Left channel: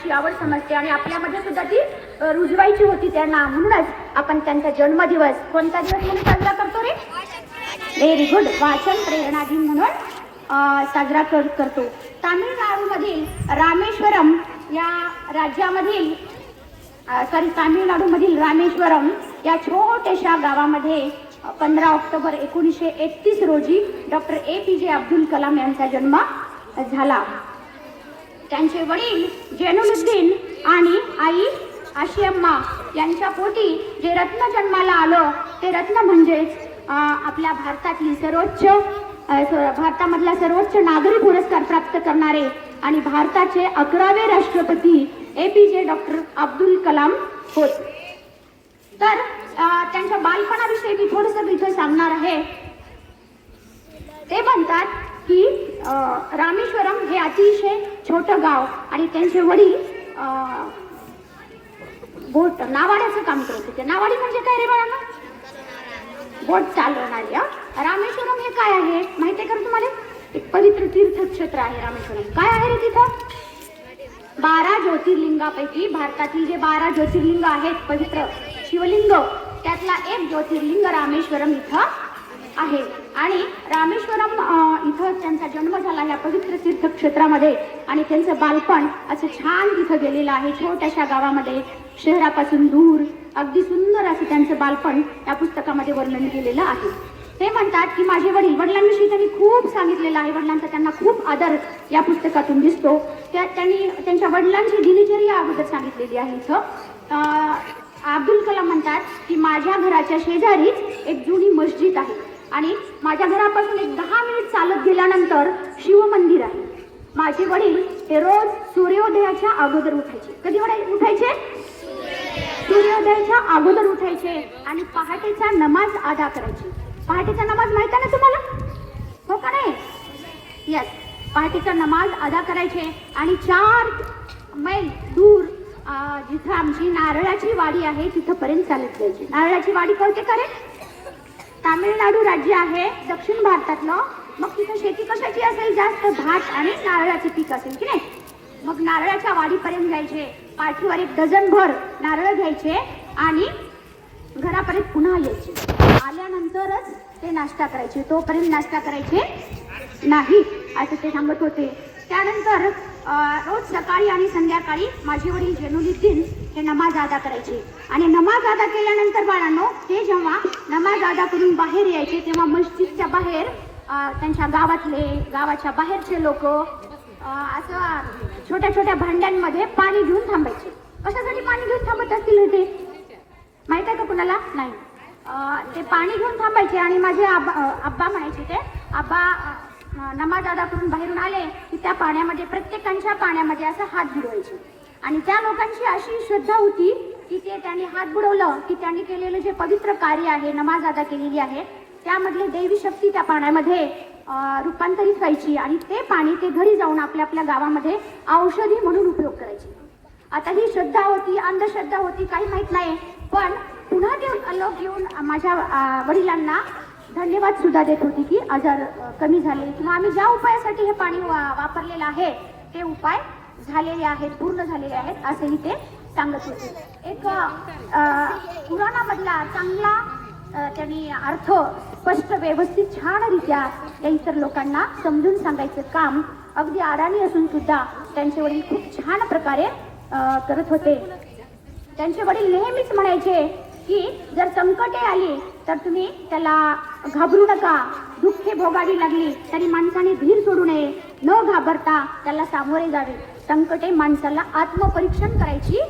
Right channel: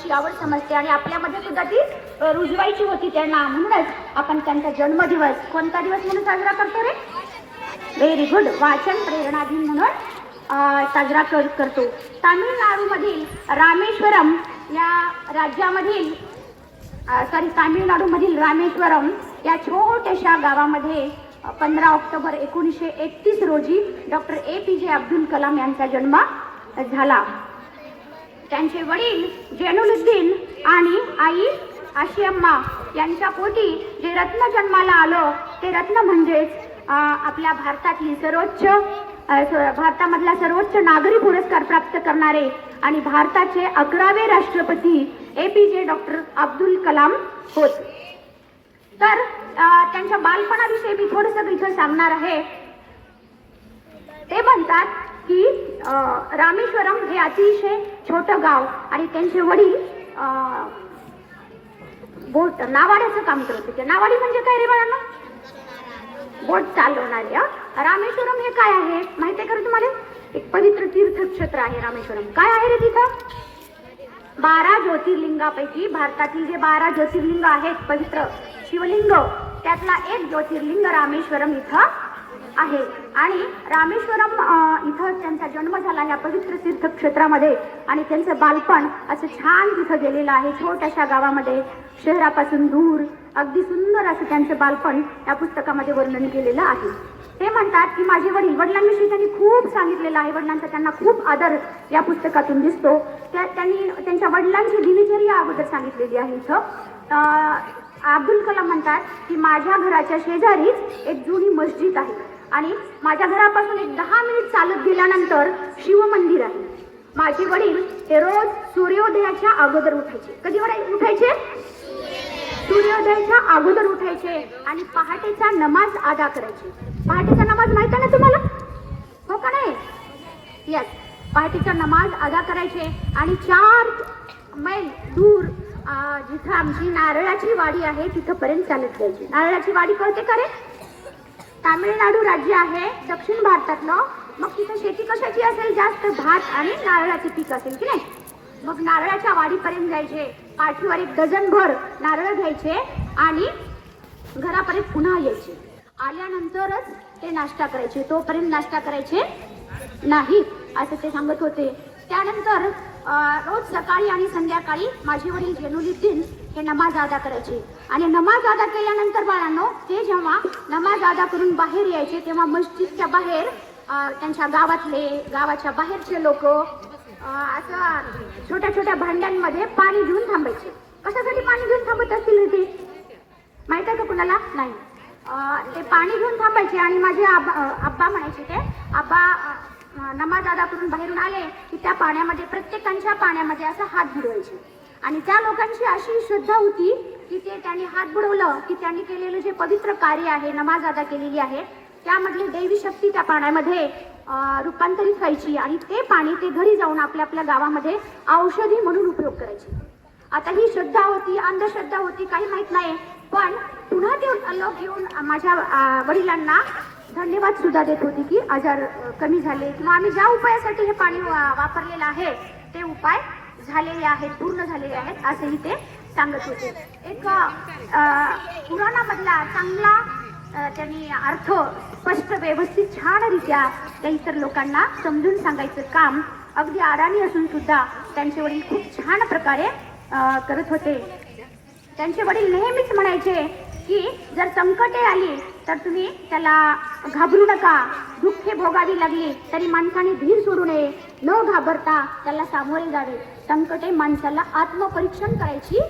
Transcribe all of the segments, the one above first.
जाण्याची आवड समजते आणि आपल्यामध्ये सुद्धा ती रुजवायची होती त्यांना. म्हणूनच आपण त्यांचा जन्मदिवस कोणता दिवस म्हणून साजरा करतो रे? व्हेरी गुड, वाचन प्रेरणा दिन म्हणून साजरा करतो. तामिळनाडूमधील रामेश्वरम या राज्यामधील तामिळनाडूमधील रामेश्वरम या छोट्याशा गावामध्ये 15 ऑक्टोबर 1931 रोजी डॉक्टर APJ अब्दुल कलाम यांचा जन्म झाला. त्यांचे वडील जैनुलुद्दीन आणि आई आशियम्मा यांच्या पोटी जे रत्न जन्माला आलं ते रत्न म्हणजेच आपल्या भारतामधला सर्वोच्च नागरी पुरस्कार प्राप्त करणारे आणि भारताचे 11वे राष्ट्रपती APJ डॉक्टर अब्दुल कलाम होत. तर त्यांच्या बालपणाविषयी मी थोडंसं इथं सांगणार आहे. ते म्हणतात की रामेश्वरम हे अतिशय छोटं गाव आणि त्यांचे वडील बोट नावाड्याचं काम करत होते. नावाडी म्हणजे काय रे बाळांनो? बोट चालवणारी. रामेश्वरम हे काय आहे माहिती आहे का तुम्हाला? एक पवित्र तीर्थक्षेत्र आहे रामेश्वरम. काय आहे रे तिथं? 12 ज्योतिर्लिंगापैकी भारतातील जे 12 ज्योतिर्लिंग आहेत पवित्र शिवलिंग त्यातला एक ज्योतिर्लिंग रामेश्वरम इथं आहे. आणि रामेश्वरम इथं त्यांचा जन्म झाला या पवित्र तीर्थक्षेत्रामध्ये आणि त्यांचं बालपण असं छान तिथं गेलेलं आहे. छोट्याशा गावामध्ये शहरापासून दूर अगदी सुंदर असं त्यांचं बालपण या पुस्तकामध्ये वर्णन केलेलं आहे. ते म्हणतात की माझे वडिलांविषयी त्यांनी खूप सांगितलेलं आहे. वडिलांचा त्यांना खूप आदर या पुस्तकातून दिसतो. त्यांनी त्यांच्या वडिलांची दिनचर्या अगोदर सांगितलेली आहे इथं. अब्दुल कलाम म्हणतात की माझ्या घराच्या शेजारीच एक जुनी मस्जिद आहे आणि माझ्या घरापासून एक 10 मिनिट चालत गेल्यानंतर शिवमंदिर आहे. माझे वडील हे रोज सूर्योदयाच्या अगोदर उठायचे. कधी उठायचे? सूर्योदयाच्या अगोदर उठायचे आणि पहाटेचा नमाज अदा करायचे. पहाटेचा नमाज माहिती आहे ना तुम्हाला? हो का नाही? यस, पहाटेचा नमाज अदा करायचे आणि 4 मैल दूर जिथं आमची नारळाची वाडी आहे तिथंपर्यंत चालत जायची. नारळाची वाडी कळते का रे? तामिळनाडू राज्य आहे दक्षिण भारतातलं. मग तिथं शेती कशाची असेल? जास्त भात आणि नारळाचं पीक असेल की नाही. मग नारळाच्या वाडीपर्यंत जायचे. पाठीवर एक डझनभर नारळ घ्यायचे आणि घरापर्यंत पुन्हा यायचे. आल्यानंतरच ते नाश्ता करायचे. तोपर्यंत नाश्ता करायचे नाही असं ते सांगत होते. त्यानंतर रोज सकाळी आणि संध्याकाळी माझे वडील जैनुलुद्दीन हे नमाज अदा करायचे आणि नमाज अदा केल्यानंतर बाळांनो ते जेव्हा नमाज अदा करून बाहेर यायचे तेव्हा मस्जिदच्या बाहेर त्यांच्या गावाच्या बाहेरचे लोक असं छोट्या छोट्या भांड्यांमध्ये पाणी घेऊन थांबायचे. कशासाठी पाणी घेऊन थांबत असतील ते माहित आहे का कुणाला? नाही. ते पाणी घेऊन थांबायचे आणि माझे आब्बा म्हणायचे ते आब्बा नमाज अदा करून बाहेरून आले की त्या पाण्यामध्ये प्रत्येकांच्या पाण्यामध्ये असं हात बुडवायचे आणि त्या लोकांची अशी श्रद्धा होती की ते त्यांनी हात बुडवलं की त्यांनी केलेलं जे पवित्र कार्य आहे नमाज अदा केलेली आहे त्यामधली देवी शक्ती त्या पाण्यामध्ये रूपांतरित व्हायची आणि ते पाणी ते घरी जाऊन आपल्या गावामध्ये औषधी म्हणून उपयोग करायचे. आता ही श्रद्धा होती, अंधश्रद्धा होती, काही माहित नाही. पण पुन्हा ते लोक घेऊन माझ्या वडिलांना धन्यवाद सुद्धा देत होती की आजार कमी झाले किंवा आम्ही ज्या उपायासाठी हे पाणी वापरलेलं आहे ते उपाय झालेले आहेत, पूर्ण झालेले आहेत असंही ते सांगत होते. एक पुराणामधला चांगला त्यांनी अर्थ स्पष्ट व्यवस्थित छानरित्या त्या इतर लोकांना समजून सांगायचं काम अगदी अडाणी असून सुद्धा त्यांचे वडील खूप छान प्रकारे करत होते. त्यांचे वडील नेहमीच म्हणायचे की जर संकटे आली तर तुम्ही त्याला घाबरू नका. दुःखे भोगावी लागली तरी माणसाने धीर सोडू नये. न घाबरता त्याला सामोरे जावे. संकटे माणसाला आत्मपरीक्षण करायची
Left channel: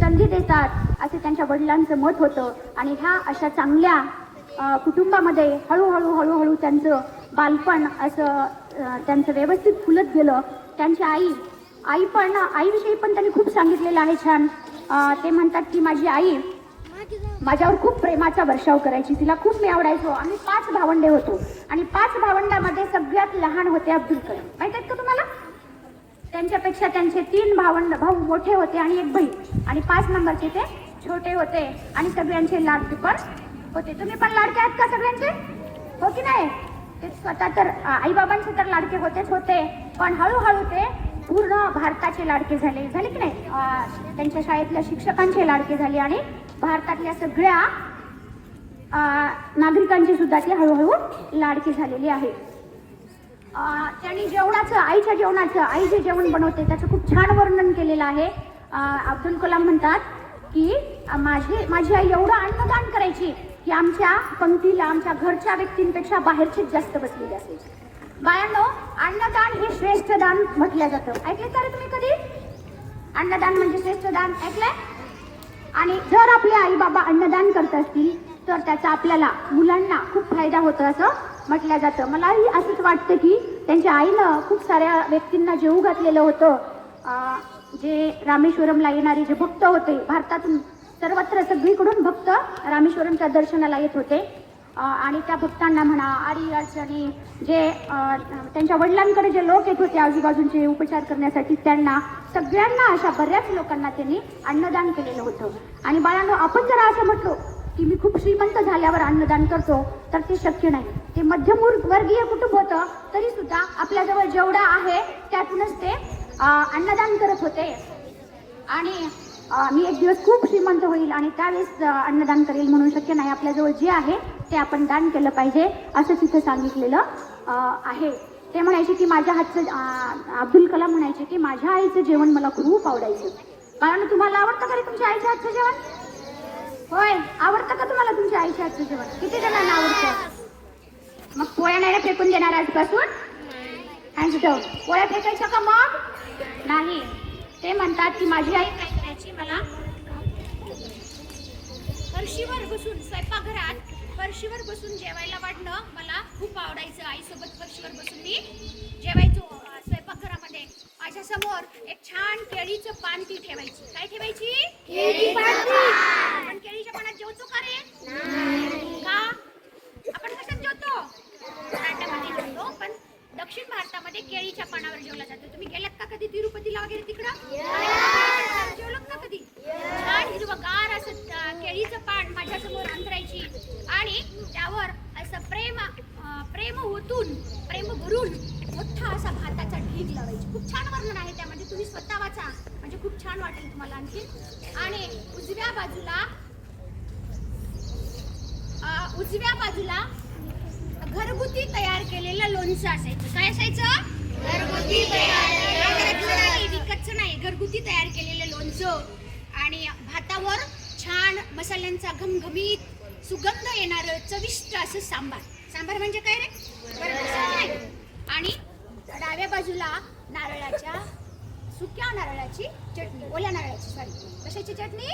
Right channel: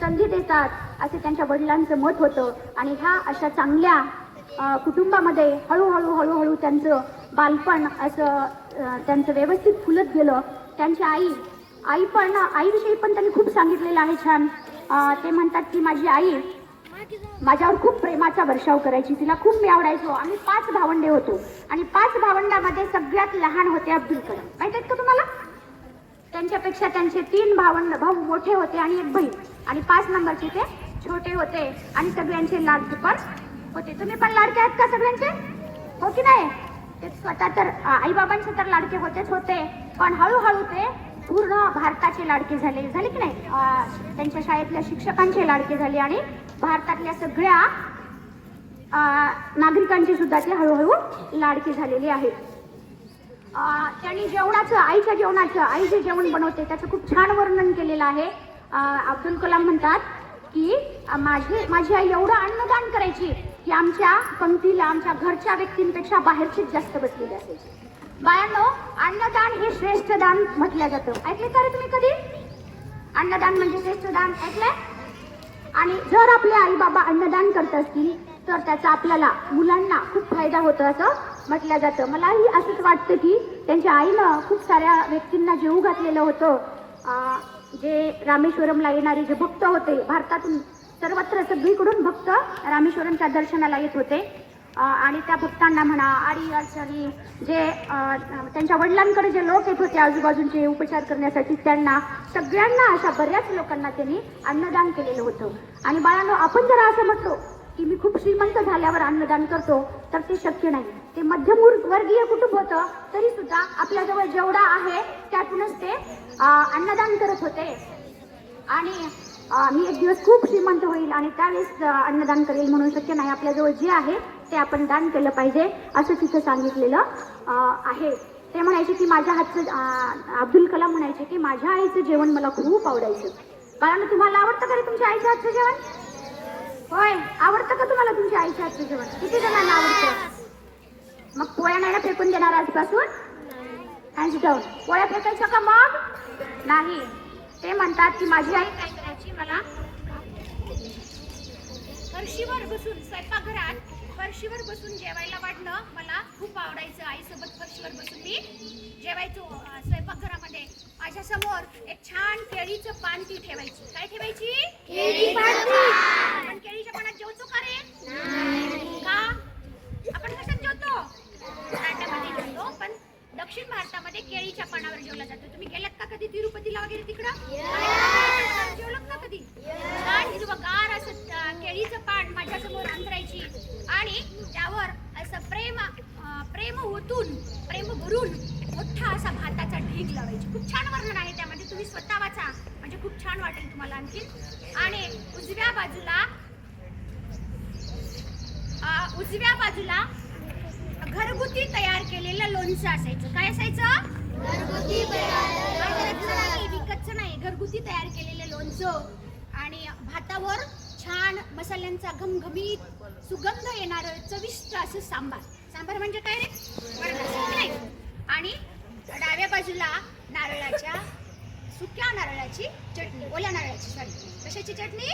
संधी देतात असे त्यांच्या वडिलांचं मत होतं. आणि ह्या अशा चांगल्या कुटुंबामध्ये हळूहळू त्यांचं बालपण असं त्यांचं व्यवस्थित फुलत गेलं. त्यांच्या आईविषयी पण त्यांनी खूप सांगितलेलं आहे छान. ते म्हणतात की माझी आई माझ्यावर खूप प्रेमाचा वर्षाव करायची. तिला खूप मी आवडायचो. आम्ही 5 भावंडे होतो आणि 5 भावंडामध्ये सगळ्यात लहान होते अब्दुल कलाम. माहित आहेत का तुम्हाला? त्यांच्यापेक्षा त्यांचे 3 भाऊ मोठे होते आणि 1 बहीण आणि 5 नंबरचे ते छोटे होते आणि सगळ्यांचे लाडके पण होते. तुम्ही पण लाडके आहात का सगळ्यांचे? हो की नाही? ते स्वतः तर आई बाबांचे तर लाडके होतेच होते पण हळूहळू ते पूर्ण भारताचे लाडके झाले झाले की नाही. त्यांच्या शाळेतल्या शिक्षकांचे लाडके झाले आणि भारतातल्या सगळ्या नागरिकांचे सुद्धा ते हळूहळू लाडके झालेले आहेत. त्यांनी जेवणाचं, आईच्या जेवणाचं, आई जे जेवण बनवते त्याचं खूप छान वर्णन केलेलं आहे. अब्दुल कलाम म्हणतात की माझी आई एवढं अन्नदान करायची की आमच्या पंक्तीला आमच्या घरच्या व्यक्तींपेक्षा बाहेरचीच जास्त बसलेली असायची. बाळांनो, अन्नदान हे श्रेष्ठ दान म्हटलं जातं. ऐकले का रे तुम्ही कधी? अन्नदान म्हणजे श्रेष्ठ दान ऐकलंय? आणि जर आपले आई बाबा अन्नदान करत असतील तर त्याचा आपल्याला मुलांना खूप फायदा होतो असं म्हटलं जातं. मलाही असंच वाटतं की त्यांच्या आईनं खूप साऱ्या व्यक्तींना जेवू घातलेलं होतं. जे रामेश्वरमला येणारे जे भक्त होते, भारतातून सर्वत्र सगळीकडून भक्त रामेश्वरमच्या दर्शनाला येत होते. आणि त्या भक्तांना म्हणा, अडी अडचणी जे त्यांच्या वडिलांकडे जे लोक येत होते आजूबाजूचे उपचार करण्यासाठी, त्यांना सगळ्यांना अशा बऱ्याच लोकांना त्यांनी अन्नदान केलेलं होतं. आणि बाळांनो, आपण जर असं म्हटलो की मी खूप श्रीमंत झाल्यावर अन्नदान करतो तर ते शक्य नाही. ते मध्यमवर्गीय कुटुंब होतं तरी सुद्धा आपल्याजवळ जेवढा आहे त्यातूनच ते अन्नदान करत होते. आणि मी एक दिवस खूप श्रीमंत होईल आणि त्यावेळेस अन्नदान करेल म्हणून शक्य नाही. आपल्याजवळ जे आहे ते आपण दान केलं पाहिजे असं तिथं सांगितलेलं आहे. ते म्हणायचे की माझ्या हातचं, अब्दुल कलाम म्हणायचे की माझ्या आईचं जेवण मला खूप आवडायचं. कारण तुम्हाला आवडतं का रे तुमच्या आईच्या हातचं जेवण? होय, आवडतं का तुम्हाला तुमच्या आईच्या हातचं जेवण? किती जणांना आवडतं? मग पोळ्या नाही फेकून देणार आजपासून? पोळ्या फेकायच्या का मग? नाही. ते म्हणतात की माझी आई काय करायची, मला फरशीवर बसून, स्वयंपाकघरात फरशीवर बसून जेवायला वाढणं मला खूप आवडायचं. आईसोबत फरशीवर बसून मी जेवायचो. स्वयंपाकघरामध्ये माझ्या समोर एक छान केळीचं पान ती ठेवायची. काय ठेवायची? केळीची पान. आपण केळीच्या पानात जेवतो का रे? का? आपण कशात जेवतो? ताटामध्ये जेवतो. पण दक्षिण भारतामध्ये केळीच्या पानावर जेवला जातो. तुम्ही गेलात का कधी तिरुपतीला वगैरे तिकडं? केळीच्या पानावर जेवलात का कधी? छान हिरवगार असं केळीचं पान माझ्या समोर अंतरायची आणि त्यावर असं प्रेम ओतून, प्रेम भरून मोठा असा भाताचा ढीग लावायची. खूप छान वर्णन आहे त्यामध्ये, तुम्ही स्वतः वाचा, म्हणजे खूप छान वाटेल तुम्हाला आणखी. आणि उजव्या बाजूला घरगुती तयार केलेलं लोणचं असायचं. काय असायचं? घरगुती तयार, विकतचं नाही, घरगुती तयार केलेलं लोणचं. आणि भातावर छान मसाल्यांचा घमघमीत सुगंध येणारं चविष्ट असं सांबार. सांबार म्हणजे काय रे? आणि डाव्या बाजूला सुक्या नारळाची चटणी, ओल्या नारळाची, कशाची चटणी?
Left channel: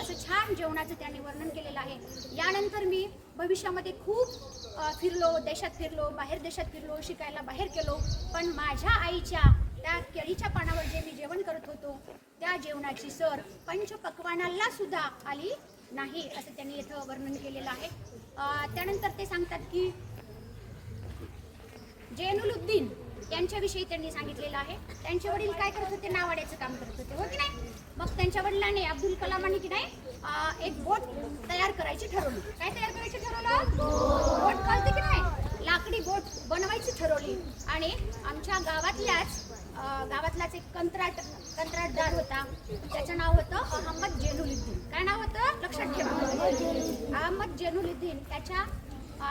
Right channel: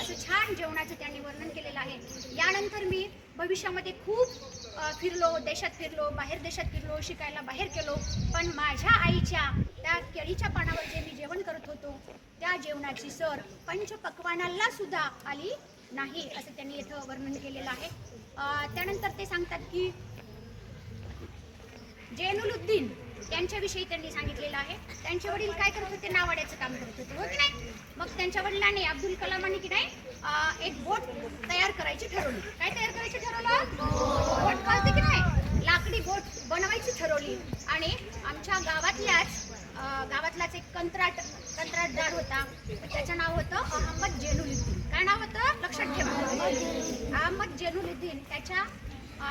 असं छान जेवणाचं त्यांनी वर्णन केलेलं आहे. यानंतर मी भविष्यामध्ये खूप फिरलो, देशात फिरलो, बाहेर देशात फिरलो, शिकायला बाहेर गेलो. पण माझ्या आईच्या त्या केळीच्या पानावर जे मी जेवण करत होतो त्या जेवणाची सर पंचपक्वानाला सुद्धा आली नाही असं त्यांनी इथं वर्णन केलेलं आहे. त्यानंतर ते सांगतात की जैनुलुद्दीन त्यांच्याविषयी त्यांनी सांगितलेलं आहे. त्यांचे वडील काय करत होते? नावाड्याचं काम करत होते, हो की नाही? मग त्यांच्या वडिलांनी, अब्दुल कलामांनी की नाही एक बोट तयार करायची ठरवली. काय तयार करायची ठरवलं? बोट कळते की नाही? लाकडी बोट बनवायची ठरवली. आणि आमच्या गावातलाच एक कंत्राटदार होता, त्याचं नाव होतं अहमद जैनुलुद्दीन. काय नाव होतं? लक्षात ठेवा, अहमद जैनुलुद्दीन. त्याच्या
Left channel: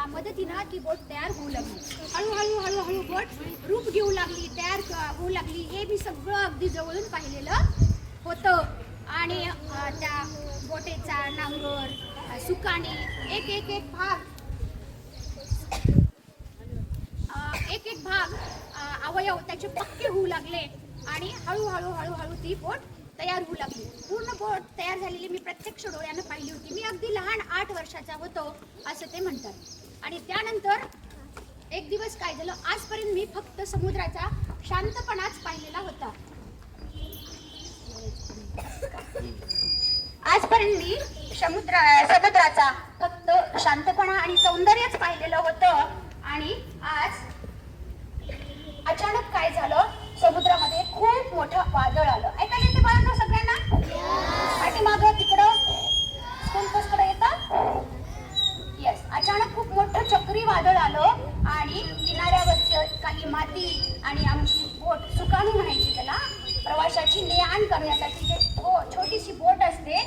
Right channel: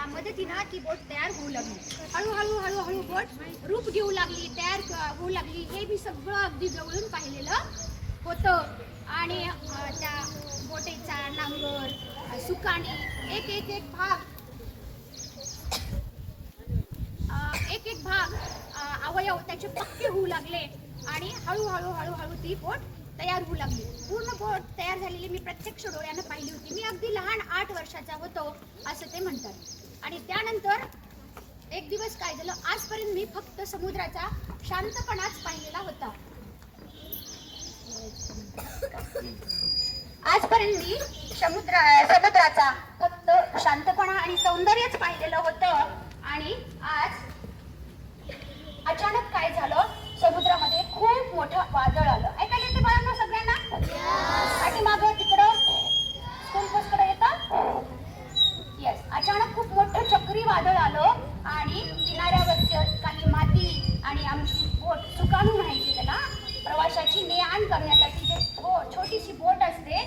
मदतीनं ती बोट तयार होऊ लागली. हळूहळू बोट रूप घेऊ लागली, तयार होऊ लागली. हे मी सगळं अगदी जवळून पाहिलेलं होतं. आणि त्या बोटेचा नांगर, सुकाणी, एक भाग अवयव त्याचे पक्के होऊ लागले. आणि हळूहळू ती बोट तयार होऊ लागली. पूर्ण बोट तयार झालेली मी प्रत्यक्ष डोळ्यानं पाहिली होती. मी अगदी लहान 8 वर्षाचा होतो असं ते म्हणतात. आणि त्यानंतर एक दिवस काय झालं, आजपर्यंत मी फक्त समुद्राचा शांतपणाच पाहिलेला होता. आजपर्यंत मी समुद्राचा फक्त शांतपणा आणि सौंदर्यच पाहिलेलं होतं. आणि आज अचानक काय झालं, समुद्रामध्ये खूप मोठं वादळ आलं. ऐकायला येते बाळांना सगळ्यांना? पाठीमागं तिकडं स्कूल येतात. येस, अचानक खूप मोठं चक्रीवादळ आलं आणि किनाऱ्यावरची काही माती आणि आमची त्याची ने-आण करण्यासाठी जे छोटीशी बोट असते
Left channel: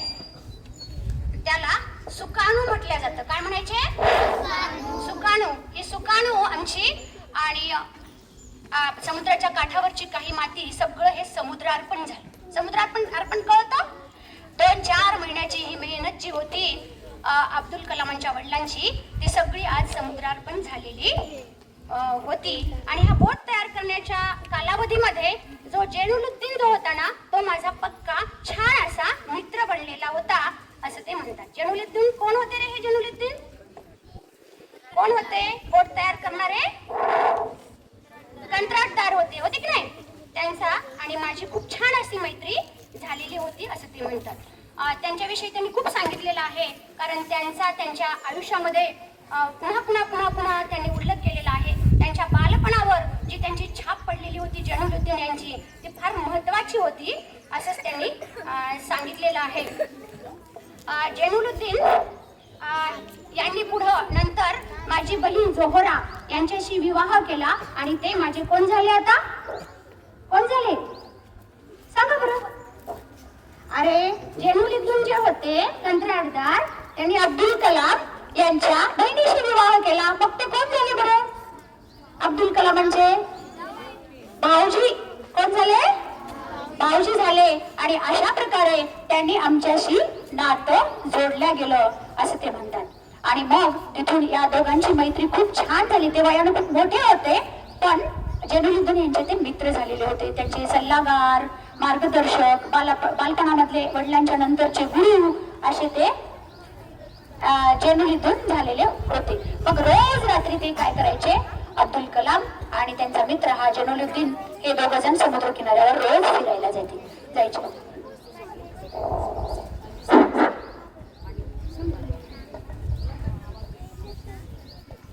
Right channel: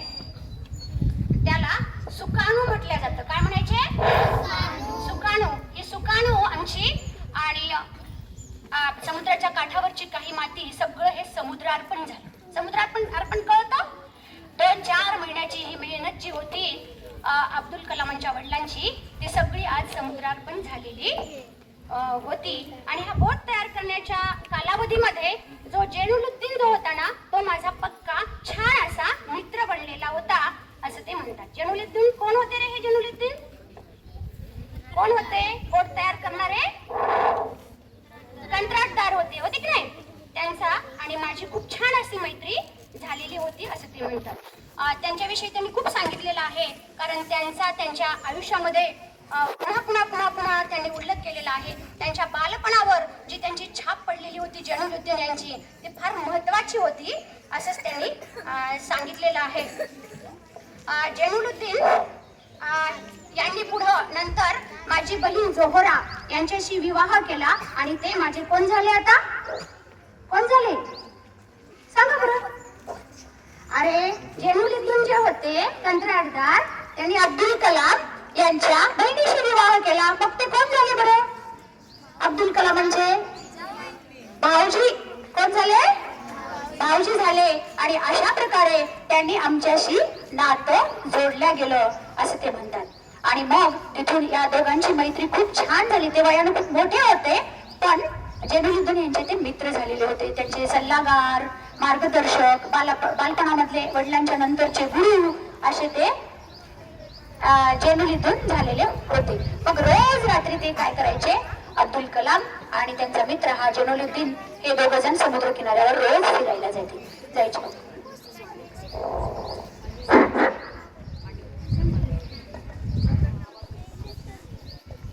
त्याला सुकाणू म्हटलं जातं. काय म्हणायचे? सुकाणू. ही सुकाणू आमची आणि समुद्राच्या काठावरची काही माती सगळं हे समुद्र अर्पण झालं. समुद्र अर्पण कळतं. 2-4 महिन्याची ही मेहनत जी होती अब्दुल कलामांच्या वडिलांची ती सगळी आज समुद्रार्पण झालेली होती. आणि हा बोट तयार करण्याच्या कालावधीमध्ये जो जैनुलुब्दीन जो होता ना तो माझा पक्का छान असा मित्र बनलेला होता असं ते म्हणतात. जैनुलुब्दीन कोण होते रे? हे जैनुलुब्दीन कोण होते? बोट तयार करणारे कंत्राटदार होते की नाही? त्यांचा आणि माझी खूप छान अशी मैत्री झालेली होती असं ते म्हणतात. त्यांच्याविषयी त्यांनी खूप सांगितलेलं आहे कारण त्यांच्या आयुष्यामध्ये पुन्हा त्यांनी उल्लेख केलेला आहे. त्यांच्या बालपणावर जी त्यांची छाप पडलेली होती जैनुलुब्दीन यांची ती फार महत्वाची होती असंच त्यांनी सांगितलेलं आहे. जैनुलुब्दीन यांनी पुढं नंतर माझी बहीण जोहरा यांच्याशी विवाह केला आणि ते माझे कोण झाले? आता कोण झाले सांगा बरं. अरे जैनुलुब्दीन जे होते कंत्राटदार त्यांनी अब्दुल कलाम यांच्या बहिणीशी विवाह केला. मग ते कोण झाले बरं? अब्दुल कलामांचे भाऊजी. कोण झाले? भाऊजी झाले. आणि अशा प्रकारे त्यांनी आमच्याशी नातं जोडल्या गेलं असं ते म्हणतात. आणि मग तिथून या दोघांची मैत्री खूप छान झाली. ते वयाने खूप मोठे होते पण जैनुलुब्दीन यांचे ते मित्र झालेले होते. त्यांचे सल्लागार, मार्गदर्शक, बालपणामधले वडिलांच्या नंतरचे गुरु असे ते जैनुलुब्दीन झालेले होते. मग रोज रात्री ते काय करायचे? अब्दुल कलाम आणि त्यांचा मित्र हा जैनुलुब्दीन हे दोघ जण समुद्र किनाऱ्यावर रोज फिरायला जायचे.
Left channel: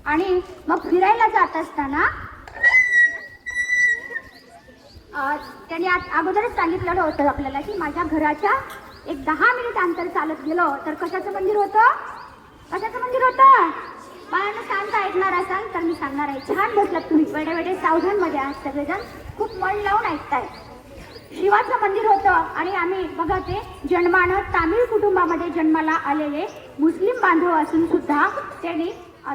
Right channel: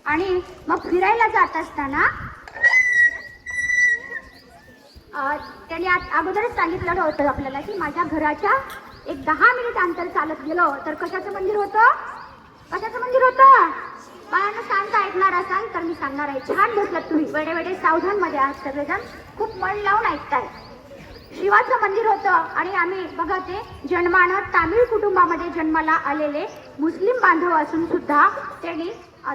आणि मग फिरायला जात असताना त्यांनी अगोदरच सांगितलेलं होतं आपल्याला की माझ्या घराच्या एक 10 मिनिट अंतर चालत गेलो तर कशाचं मंदिर होतं? कशाचं मंदिर होतं? बाळांनो शांत ऐकणार असाल तर मी सांगणार आहे. छान बसलात तुम्ही वेडे सावधान मध्ये आहात सगळेजण. खूप मन लावून ऐकताय. शिवाचं मंदिर होतं आणि आम्ही बघा ते जन्मानं तामिळ कुटुंबामध्ये जन्माला आलेले मुस्लिम बांधव असून सुद्धा त्यांनी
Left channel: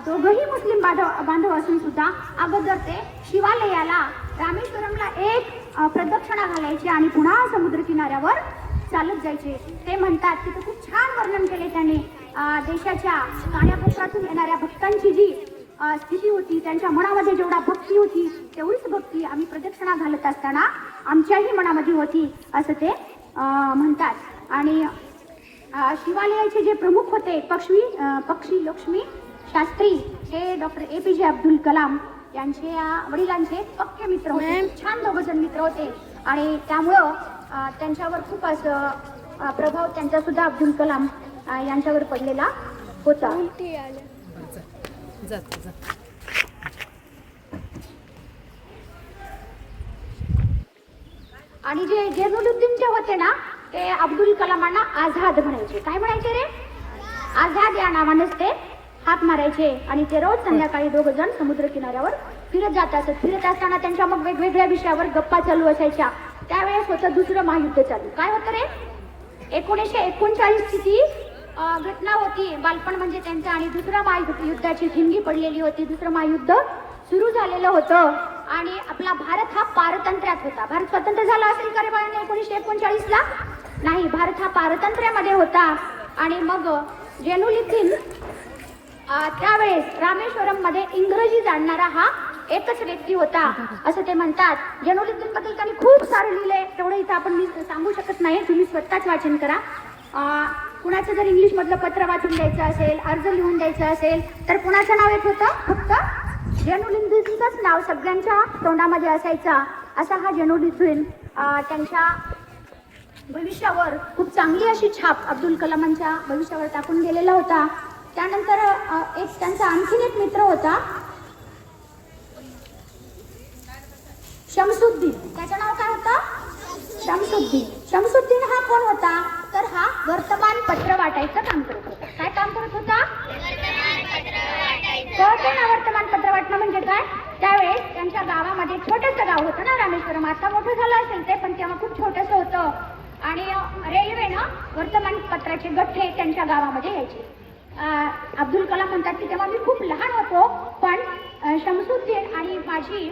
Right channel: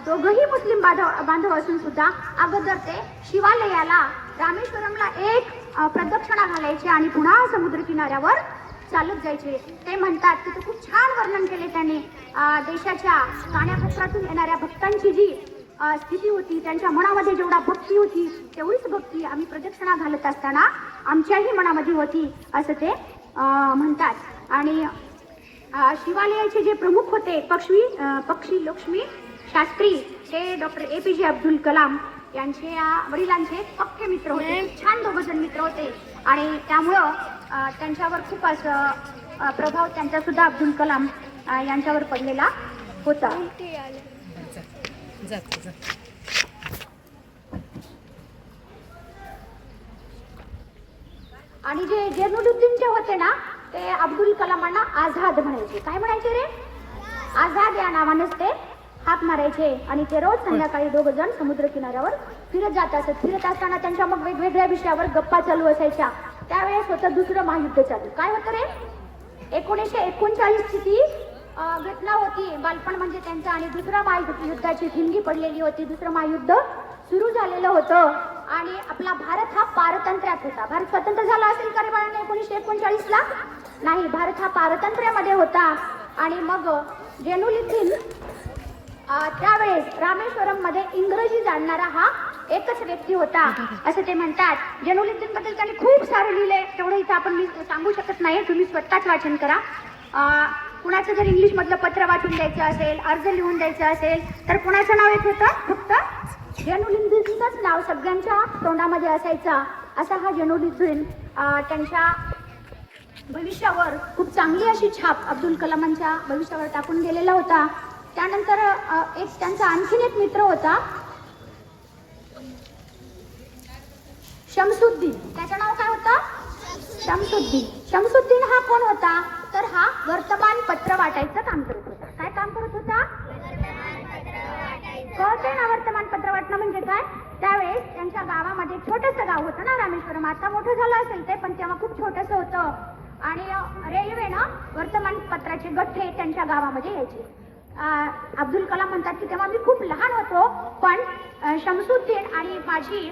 दोघंही मुस्लिम बांधव असून सुद्धा अगोदर ते शिवालयाला रामेश्वरमला एक प्रदक्षिणा घालायची आणि पुन्हा समुद्र किनाऱ्यावर चालत जायचे. ते म्हणतात की खूप छान वर्णन केले त्यांनी देशाच्या कानाकोपऱ्यातून येणाऱ्या भक्तांची जी स्थिती होती, त्यांच्या मनामध्ये जेवढा भक्ती होती तेवढीच भक्ती आम्ही प्रदक्षिणा घालत असताना आमच्याही मनामध्ये होती असं ते म्हणतात. आणि शिवालयाचे जे प्रमुख होते पक्षी लक्ष्मी शास्त्री हे डॉक्टर APJ अब्दुल कलाम यांचे वडिलांचे पक्के मित्र होते. छान दोघं जण मित्र होते आणि त्यामुळं त्यांच्यावर खूप असं प्रभाव त्यांचा सुद्धा अब्दुल कलाम यांच्यावर पडलेला होता. आणि जे जैनुलुब्दीन जे होते ना ते अब्दुल कलामांना आझाद म्हणायचे. काय म्हणायचे रे? आझाद या नावानेच ते हाक मारायचे. आणि ते रोज संध्याकाळी दोघ जण समुद्र किनाऱ्यावर फिरत जात असत. फिरत असताना त्यांच्या मग वेगवेगळ्या विषयावर गप्पा चालू असायच्या. त्यावेळेस होतं दुसरं महायुद्ध चालू. काय होतं रे? 1939 ची ती घटना होती. बालपण म्हणजे त्यांचं आणि दुसऱ्या महायुद्धाची ठिणगी पडलेली होती. दुसरं महायुद्ध सुरू झालेलं होतं आणि आपला भारत हा पारतंत्र्यात होता. भारत स्वतंत्र झाला असेल का रे बाळांनो 1939 ला? नाही, भारत हा पारतंत्र्यामध्ये होता. आणि मग जैनुलुब्दीन त्यावेळेस रामेश्वरम मध्ये इंग्रजी जाणणारा हा एकच व्यक्ती होता असं ते म्हणतात. जैनुलुब्दीन बद्दल त्यांनी खूप सारं लिहिलंय. तेवढं इथं आपण मी सांगू शकत नाही. तुम्ही स्वतःच वाचन करा. कुणाचं जर इंग्लिश मधलं पत्र वाचून द्यायचं असेल, अर्ज लिहून द्यायचं असेल तर कुणाचं नाव येत होतं? फक्त जैनुलुब्दीनचंच नाव सगळ्यांच्या तोंडामध्ये असायचं. असा हा जैनुलुब्दीन त्यांच्या भविष्यावर खूप चांगली अशी छाप अब्दुल कलामांच्या भविष्यावर टाकून गेलेला होता. त्यानंतर त्यांचा आणखीन एक मित्र होता शमसुद्दीन. त्याचं नाव काय होतं? शमसुद्दीन. शमसुद्दीन हा कोण होता? तर हा वर्तमानपत्र वाटायचं काम करत होता. काय काम करत होता? वर्तमानपत्र वाटणं म्हणजे काय? त्यावेळेस त्यांच्या गावामध्ये छोटंसं गाव होतं ना रामेश्वरम. आता मोठं झालं असेल ते पण तेव्हा खूप छोटंसं होतं. आणि रेल्वेनं वर्तमानपत्राचे गठ्ठे त्यांच्या गावामध्ये यायचे. अब्दुल कलाम म्हणतात की तेव्हा मी खूप लहान होतो, पण शमसुद्दीन आणि माझी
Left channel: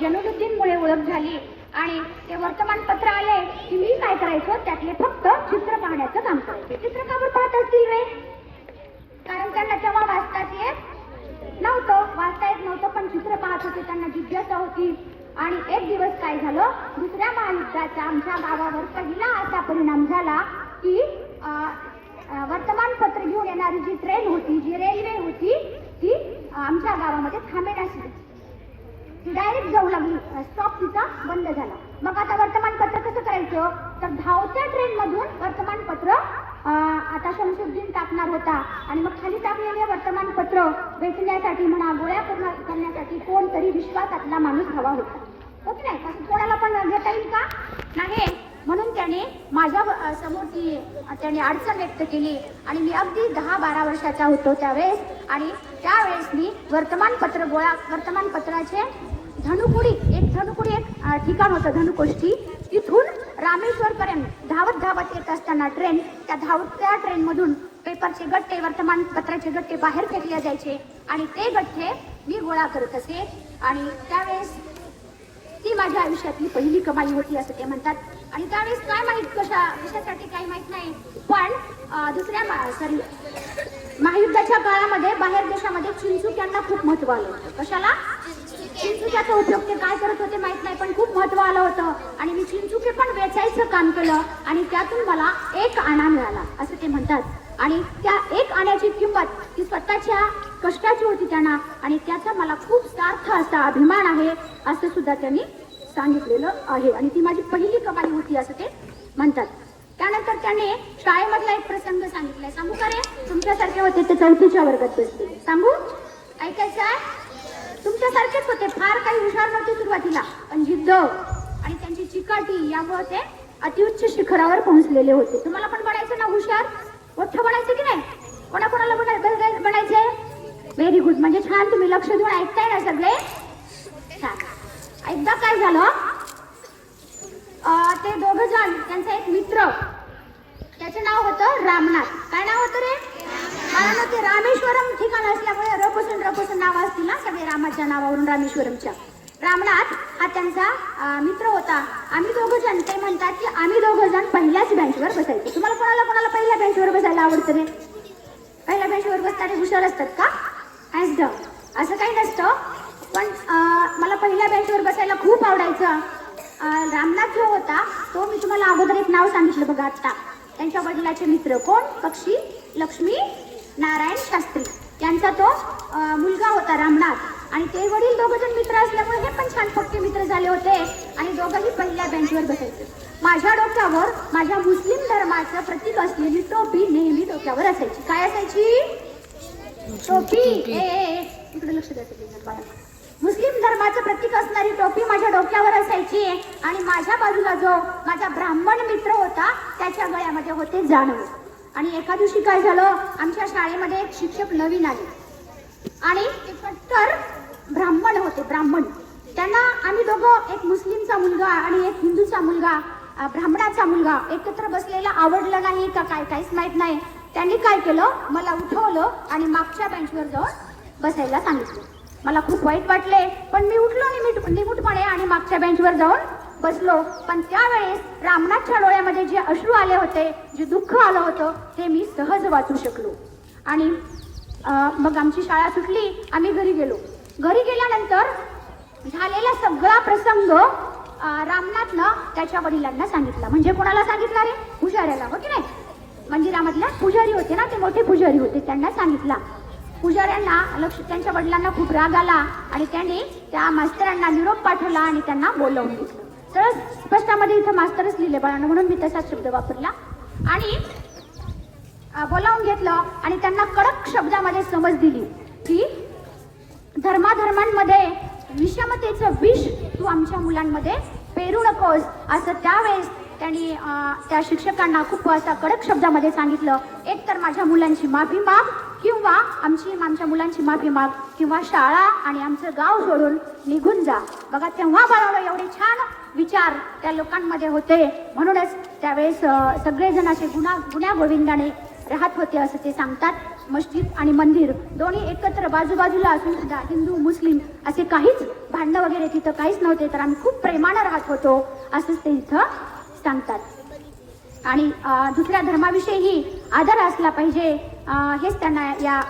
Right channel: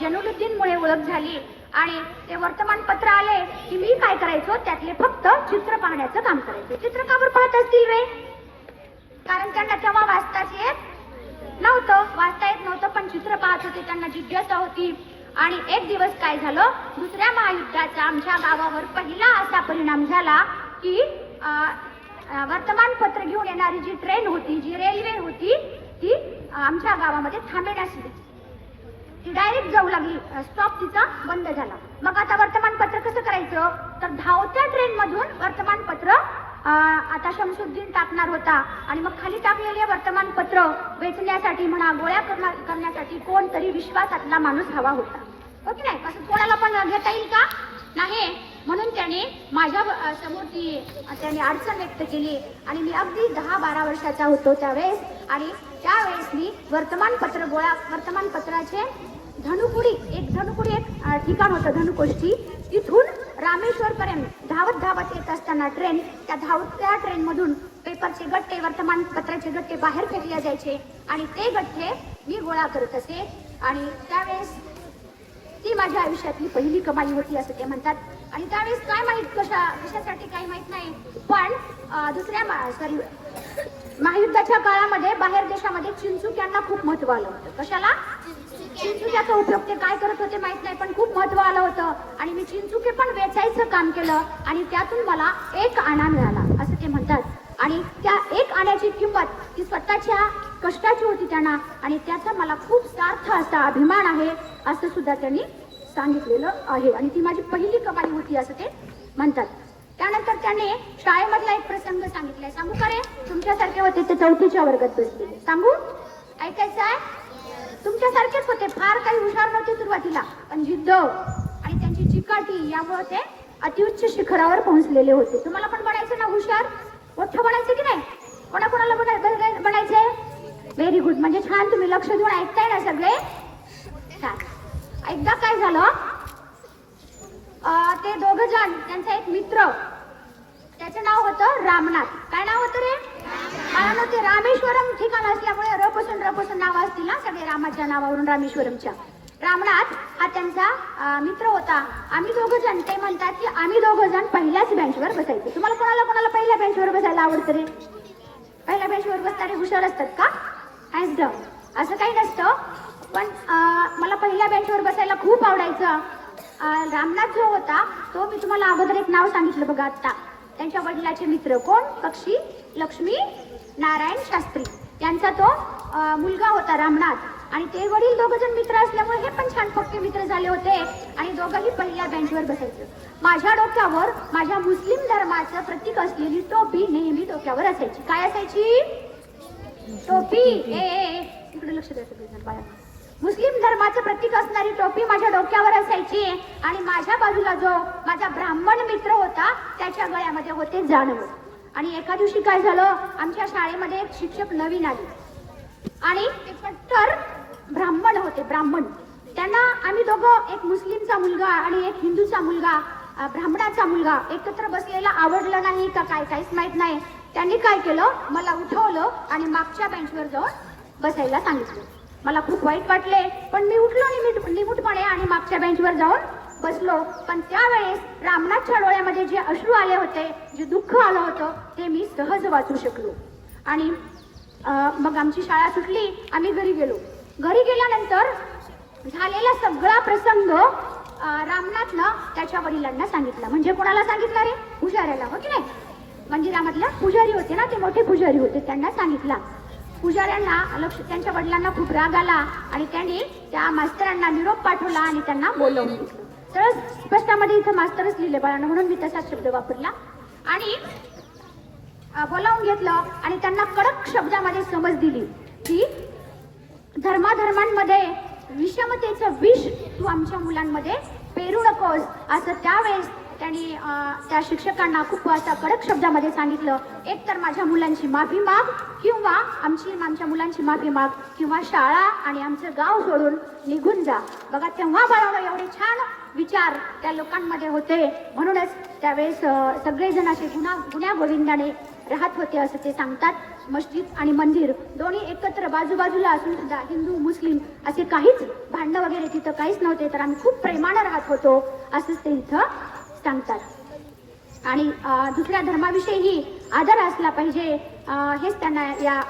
जनुलुद्दीनमुळे ओळख झाली आणि ते वर्तमानपत्र आले की मी काय करायचो, त्यातले फक्त चित्र पाहण्याचं काम करायचे. चित्र का बरं पाहत असतील रे? कारण त्यांना तेव्हा वाचता येत नव्हतं, पण चित्र पाहत होते, त्यांना जिज्ञासा होती. आणि एक दिवस काय झालं, दुसऱ्या महायुद्धाचा आमच्या गावावर पहिला असा परिणाम झाला की वर्तमानपत्र घेऊन येणारी जी ट्रेन होती, जी रेल्वे होती, ती आमच्या गावामध्ये थांबण्यास ती डायरेक्ट जाऊ लागली. स्टॉप तिचा बंद झाला. मग आता वर्तमानपत्र कसं करायचं, तर धावत्या ट्रेन मधून वर्तमानपत्र आता शमसुद्दीन टाकणार होता आणि मग खाली टाकलेले वर्तमानपत्र वेचण्यासाठी म्हणा, गोळ्या करण्यासाठी कोणतरी विश्वासातला माणूस हवा होता, हो की नाही? असं कोणाला पण घेता येईल का? नाही. म्हणून त्याने माझ्या समोर त्याने अडचण व्यक्त केली आणि मी अगदी 10-12 वर्षाचा होतो त्यावेळेस. आणि त्यावेळेस मी वर्तमानपत्राचे धनुकुडी एक ठिकाण होतं, धनुकोष्टी, तिथून रामेश्वरपर्यंत धावत येत असताना ट्रेन, त्या धावत्या ट्रेन मधून पेपरचे गठ्ठे, वर्तमानपत्राचे गठ्ठे बाहेर फेकले जायचे आणि ते गठ्ठे मी गोळा करत असे. आणि त्यावेळेस ती माझ्या आयुष्यातली पहिली कमाई होती असं ते म्हणतात. आणि त्यावेळेस काय माहित कशासाठी काही माहित नाही, पण दुसऱ्या महायुद्धाच्या काळामध्ये बाहेर देशामध्ये चिंचुक्यांना खूप महत्व आलं होतं. कशाला? चिंचुक्याचा उपयोग ते काय करत होते माहित नाही, पण खूप महत्व आलं होतं. आणि मी चिंचुके पण वेचायचं काम केलं आणि त्यातून मला 1 आणा मिळाला असं ते म्हणतात. आणि त्या 1 आण्याची किंमत ती स्वतःच्या कष्टाची होती त्यांना, आणि त्याचा मला खूप सार्थ असा अभिमान आहे असं सुद्धा त्यांनी सांगितलेलं आहे. आणि ती माझी पहिली कमाई होती असं ते म्हणतात. त्यानंतर त्याने शाळेमधला एक प्रसंग सांगितलाय. सांगू का रे? तुमच्यासारखे होते ते 4थीच्या वर्गात बसलेले. सांगू? ऐकायचं आहे? तुमच्यासारखेच होते, फार काही हुशार नव्हते सुरुवातीला, पण जिद्द आणि त्यांची चिकाटी यामुळे ते अतिउच्च शिखरावर पोहोचलेले होते. तुम्हाला पण बनायचं ना हुशार, मोठं बनायचं की नाही? कोणाकोणाला बनायचंय? Very good. म्हणजे छान, तुम्ही लक्ष देऊन ऐकताय ना सगळे? छान. एकदा काय झालं, ते 2 जण, त्यांचा एक मित्र, त्याचं नाव होतं रामनाथ. काय नाव होतं रे? मला ते रामेश्वरम ठिकाण असल्यामुळे रपासून नाव असतील ना सगळे, रामाच्या नावावरून रामेश्वरमच्या. रामनाथ हा त्यांचा मित्र होता. आम्ही 2 जण, ते म्हणतात की आम्ही 2 जण पहिल्याच बेंचवर बसायचे. तुम्हाला कोणाला पहिल्या बेंचवर बसायला आवडतं रे? पहिल्या बेंचवर बसणारे हुशार असतात का? असं काही नसतं, पण मला पहिल्या बेंचवर बसायला खूप आवडायचं. रामनाथ जो होता तो, मी तुम्हाला अगोदर एक नाव सांगितलं बघा आत्ता, त्यांच्या वडिलाचे मित्र कोण? पक्षी लक्ष्मी नारायण शास्त्री यांचा तो मुलगा होता रामनाथ. आणि ते वडील 2 जण मित्र असल्यामुळे हे पण छान पक्के मित्र झाले होते आणि दोघंही पहिल्या बेंचवर बसायचे. माझ्या डोक्यावर माझ्या मुस्लिम धर्माचं प्रतीक असलेली टोपी नेहमी डोक्यावर असायची. काय असायची? टोपी. इकडे लक्ष द्यायचं. मुस्लिम धर्माचं प्रतीक असणारी टोपी माझ्या डोक्यावर असायची आणि माझ्या बाजूला जो माझा ब्राह्मण मित्र होता त्याच्या गळ्यामध्ये होते जानवे. आणि एका दिवशी काय झालं, आमच्या शाळेमध्ये एक शिक्षक नवीन आले आणि ते कट्टर ब्राह्मण होते. त्यांना आम्ही दोघं, एक मुस्लिमचा मुलगा आणि एक हिंदूचा मुलगा, ब्राह्मणाचा मुलगा, एकत्र बसलेला आवडलं नाही का काय, काहीच माहित नाही. त्यांनी काय केलं, मला उठवलं आणि मागच्या बेंचवर जाऊन बसायला सांगितलं. मला खूप वाईट वाटले, पण मी उठलो निमूटपणे आणि मागच्या बेंचवर जाऊन बसलो. पण त्यावेळेस रामनाथच्या डोळ्यामध्ये जे अश्रू आले होते, जे दुःख आलं होतं, ते मी सहज वाचू शकलो. आणि मग आमची शाळा सुटली, आम्ही घरी गेलो. घरी गेल्यानंतर झालेला सगळा प्रसंग रामनाथनं त्याच्या वडिलांना सांगितला. म्हणजे कोणाला सांगितला रे? पुजाऱ्याला, हो की नाही? मंदिरामधल्या पुजारी होते ना, ते मोठे पुजारी होते, त्यांना सांगितला. पुजाऱ्यांना त्यांच्या वडिलांना खूप राग आला आणि त्यांनी त्या मास्तरांना निरोप पाठवला आणि त्यांना बोलवून घेतलं. सरळ स्पष्टामध्ये इथं मास्तरच लिहिले बाळांनो, म्हणून मी तसाच शब्द वापरला. आणि बोलावून घेतलं आणि त्यांना कडक शब्दामध्ये समज दिली की धर्माधर्मांमध्ये विषमतेचं विष तू आमच्या मुलांमध्ये पेरू नकोस, असं त्यावेळेस त्यांनी त्या शिक्षकांना खूप असा कडक शब्दामध्ये सांगितलं. एक तर माझ्या मुलांची माफी माग, किंवा आमच्या मुलांची माफी माग, किंवा शाळा आणि आमचं गाव सोडून निघून जा. बघा, तेव्हा बाळांनो एवढे छान विचार त्या लोकांमध्ये होते. म्हणूनच त्यावेळेस सगळेजण असे गुण्या गोविंदाने राहत होते असं ते सांगतात. मस्जिद आणि मंदिर दोन्ही एकत्र बाजूबाजूला असून सुद्धा हिंदू मुस्लिम असे काहीच भांडणं वगैरे तिथं काहीच नव्हते, तर आम्ही खूप प्रेमानं राहत होतो असंच ते इथं सांगतात. आणि दुसऱ्या धर्माविषयीही आदर असला पाहिजे हेच त्यांना या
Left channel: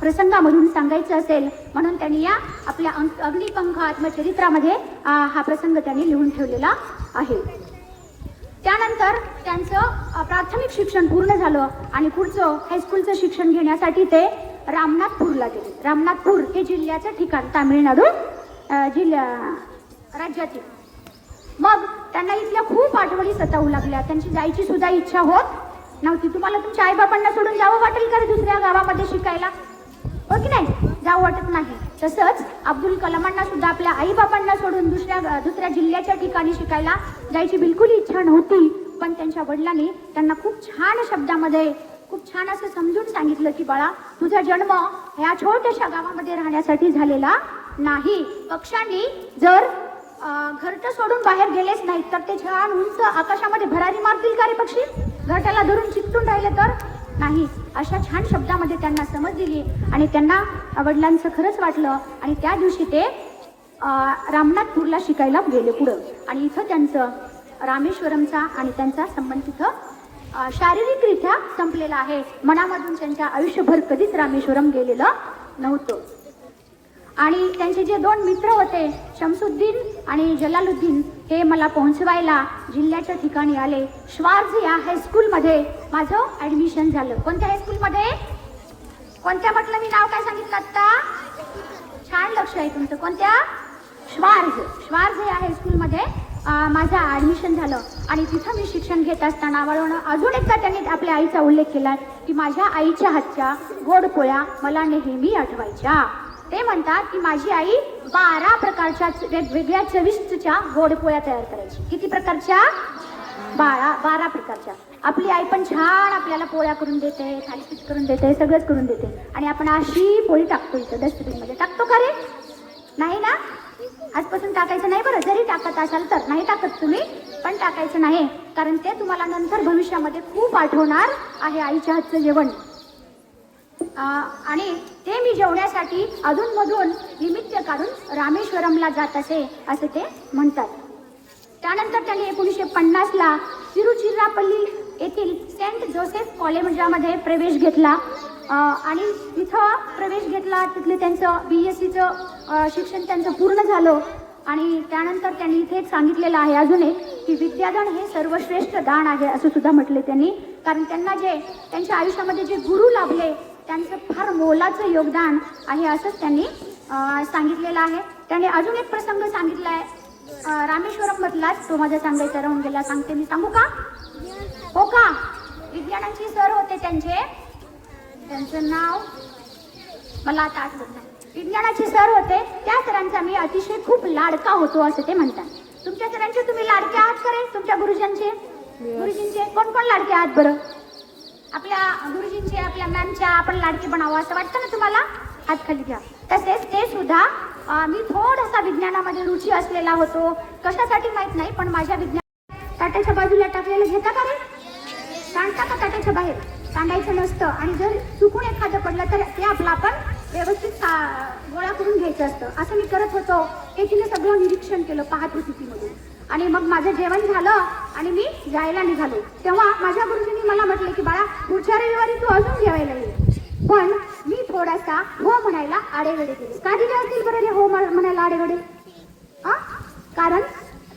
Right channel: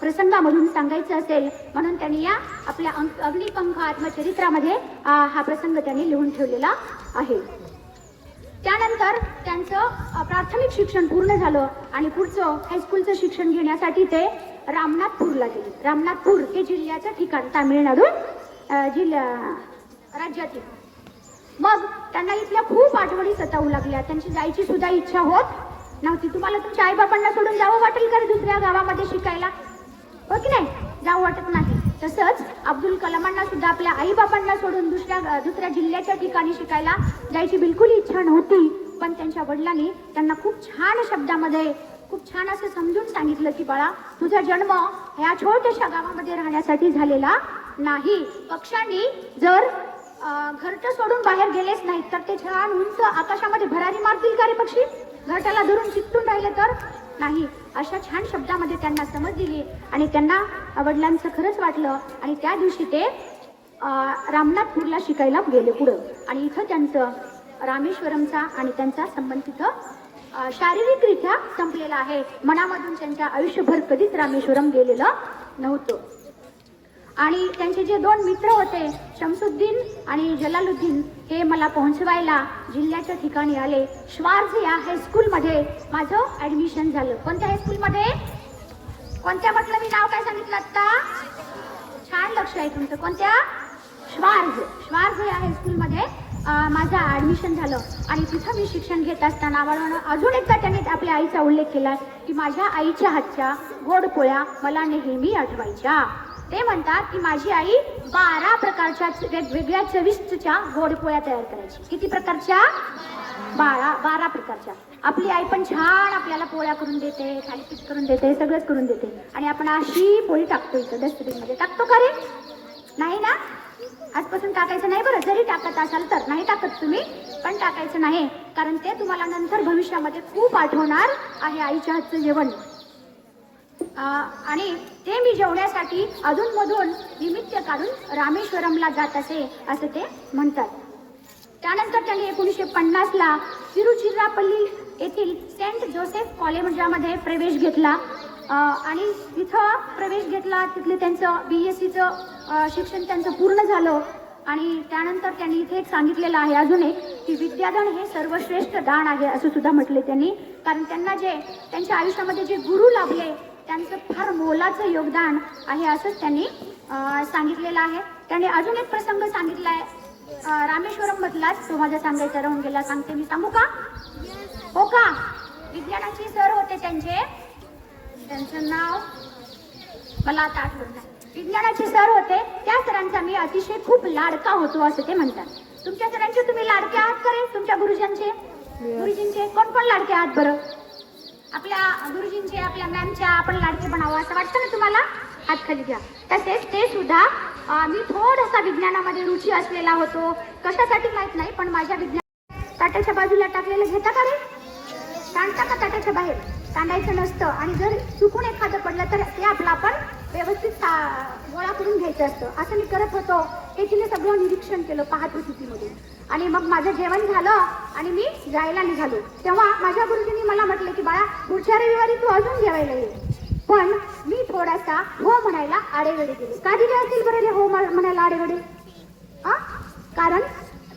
प्रसंगामधून सांगायचं असेल, म्हणून त्यांनी या आपल्या अग्निपंख आत्मचरित्रामध्ये हा प्रसंग त्यांनी लिहून ठेवलेला आहे. त्यानंतर त्यांचं प्राथमिक शिक्षण पूर्ण झालं आणि पुढचं हायस्कूलचं शिक्षण घेण्यासाठी ते रामनाथपूरला गेले. रामनाथपूर हे जिल्ह्याचं ठिकाण तामिळनाडू राज्यातील. मग त्यांना इथल्या खूप आठवणी सतावू लागल्या. त्यांची जायची सुद्धा इच्छा होत नव्हती. तुम्हाला तुमच्या आईबापांना सोडून जावं वाटेल का दुसऱ्या गावामध्ये शिकायला? हो की नाही? जावं वाटत नाही. तसंच अब्दुल कलामांना सुद्धा आपल्या आईबापांना सोडून दुसऱ्या जिल्ह्याच्या ठिकाणी शिकायला जायची बिलकुल इच्छा नव्हती. पण त्यांच्या वडिलांनी त्यांना खूप छान शब्दामध्ये खूप छान असं समजून सांगितलं की बाळा, तुझा जन्म ह्या छोट्याशा गावामध्ये राहण्यासाठी झालेला नाही. पक्षांनी जर घरटं सोडून बाहेर गेलेच नाहीत तर ते छान उंच आकाशामध्ये भरारी मारतील का रे पक्षी? घरट्याला धरून चिकटून राहिले तर नाही. अशा छान शब्दामध्ये त्यांना समज दिली आणि त्यांना वडिलांचं खरंच वाटलं आणि त्या दिवशी ते रामनाथपूरला शिकायला गेले पुढं. आणि इथं त्यांचं रामेश्वरमचा आणि त्यांचा संबंध तिथं शारीरिकरित्या संपलेला आहे. मनामधून त्यांच्या आयुष्यभर कधीच रामेश्वरम गेलेलं नव्हतं. आणि त्यांचे जे दोन मित्र होते शमसुद्दीन आणि जलालुद्दीन, हे मला पोहोचवायला जिल्ह्याच्या ठिकाणी आले. श्वार्ज या हायस्कूलमध्ये माझं ऍडमिशन झालं. कोणत्या हायस्कूलमध्ये? कोणत्या म्हटलं मी? नाव काय सांगितलं आता? छान लक्ष आहे तुमचं. कोणत्या? श्वार्ज या हायस्कूलमध्ये माझं ऍडमिशन झालं. आणि तिथं मी शिक्षण घेत असताना मला अजून एकदा त्यांनी आपल्या आईचा उल्लेख केला की माझ्या आईच्या हातच्या गोड पोळ्या मला नेहमी आठवायच्या. ते म्हणतात की माझी आई 12 प्रकारच्या वेगवेगळ्या चविष्टच्या गोड पोळ्या तयार करायची. किती प्रकारच्या? 12 प्रकारच्या. आपली आई पण छान आपल्याला पोळ्या करून देते, थालीपीठ करून देते, सगळंच करून देते. आणि आपण अशी पोळी टाकतो इथं डस्टबिनमध्ये. टाकतो का रे? नाही ना? आजपासून टाकायचं नाही बरं. जरी टाकत असाल तर. नाही टाकत तुम्ही, पण टाकायचं नाही, कारण ते तुम्हाला नंतर भविष्यामध्ये खूप आठवणार आहे आईच्या हातचं जेवण. आणि ते मी जेवण्यासाठी अधूनमधून निमित्त काढून रामेश्वरमला जात असे असं ते म्हणतात. त्यानंतर त्यांनी 1950ला तिरुचिरापल्ली येथील सेंट जोसेफ कॉलेजमध्ये प्रवेश घेतला आणि तिथं प्रवेश घेतला. तिथले त्यांचं BScचं शिक्षण त्यांचं पूर्ण झालं. आणि त्यानंतर त्यांनी इथे एक सांगितलेलं आहे अजून एक की विद्यादान हे सर्वश्रेष्ठ दान आहे असं सुद्धा म्हटले त्यांनी. कारण त्यांना जे त्यांच्या आयुष्यामध्ये जे गुरु लाभले त्यांचं फार मोलाचं योगदान आहे असंच त्यांनी सांगितलेलं आहे. त्यांनी अजून एक प्रसंग सांगितला आहे रामेश्वरम मधलाच, तो माझा सांगायचा राहून गेला. सांगते मी. सांगू का? हो का? विज्ञानाचे सर होते त्यांचं नाव मला आता आठवत नाही. विज्ञानाचे सर होते. त्या सरांचा मी अतिशय खूप लाडका होतो असं ते म्हणतात. तुमच्या सरांचे तुम्ही लाडके आहात का रे? तुमच्या गुरुजींचे कोण कोण लाडके आहात बरं? आपल्या गुरुजींचे, आपल्या मॅमच्या आपण लाडके बनावं असं वाटतं ना तुम्हाला? हात खाली घ्या. तसेच ते सुद्धा मी थोडासा विज्ञानामध्ये रुची असलेला होतो. कशासाठी माहित नाही, पण माझ्या विज्ञान ताट्याच्या बाजूला टाकलेलं घेता का रे? सांडता का ताट्याच्या बाहेर? सांडायचं नसतं. आणि जर चुकून एखादं पडलं तर ते आपलं आपण व्यवस्थित गोळा करून घ्यायचं असतं. असं मी करत होतो. हे तिने सगळं निरीक्षण केलं पाहत होती. आणि मग माझं जेवण झालं आणि मी जायला निघालो. तेव्हा माझ्या गुरुजींनी मला म्हटलं की बाळा, पुढच्या रविवारी तू अजून जेवायला ये. पण मी थोडासा हो म्हणायला आडेवडे दिले. का दिले असतील बरं रे हो म्हणायला आडेवडे? कारण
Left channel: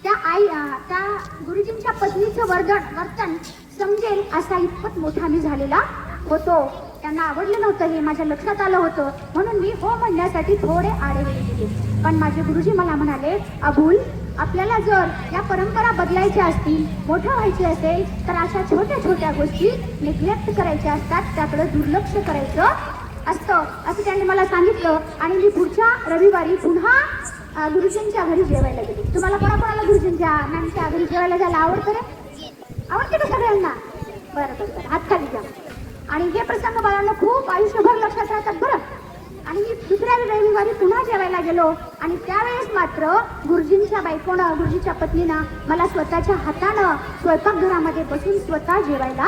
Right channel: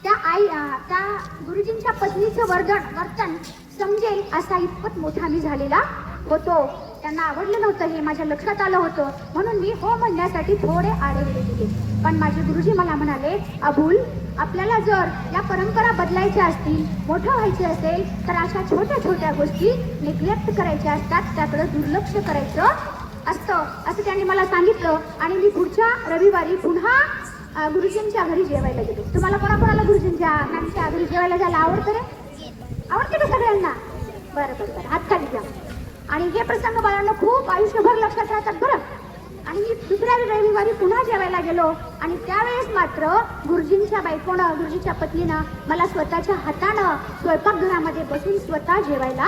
त्या गुरुजींच्या पत्नीचं वर्तन समजेल असा इतपत मोठा मी झालेला होतो. त्यांना आवडलं नव्हतं हे माझ्या लक्षात आलं होतं. म्हणून मी हो म्हणण्यासाठी थोडे आडेवडे दिले. पण माझे गुरुजी मला म्हणाले, अबुल, आपल्याला जर या परंपरा बदलायच्या असतील, मोठं व्हायचे असेल तर अशा छोट्या छोट्या गोष्टी निग्लेक्ट करायच्या असतात, त्याकडे दुर्लक्ष करायचं असतं असं त्यांनी मला सांगितलं. आणि मी पुढच्या रविवारी पुन्हा गुरुजींच्या घरी जेवायला गेले. तुम्हाला कोणाकोणाला गुरुजींच्या मॅमच्या घरी जेवायला जायला आवडतं रे? आवडते का सगळ्यांना? बरं, हात खाली घ्या. आणि हे प्रसंग बाळांना खूप आयुष्यभर लक्षात राहतात बरं. आणि मी दुसऱ्या रविवारी पुन्हा जेवायला गेलो आणि त्यावेळेस मात्र गुरुजींच्या बायकोनं, गुरुजीच्या पत्नीनं मला स्वतःच्या हातानं स्वयंपाकघरामध्ये बसून स्वतः जेवायला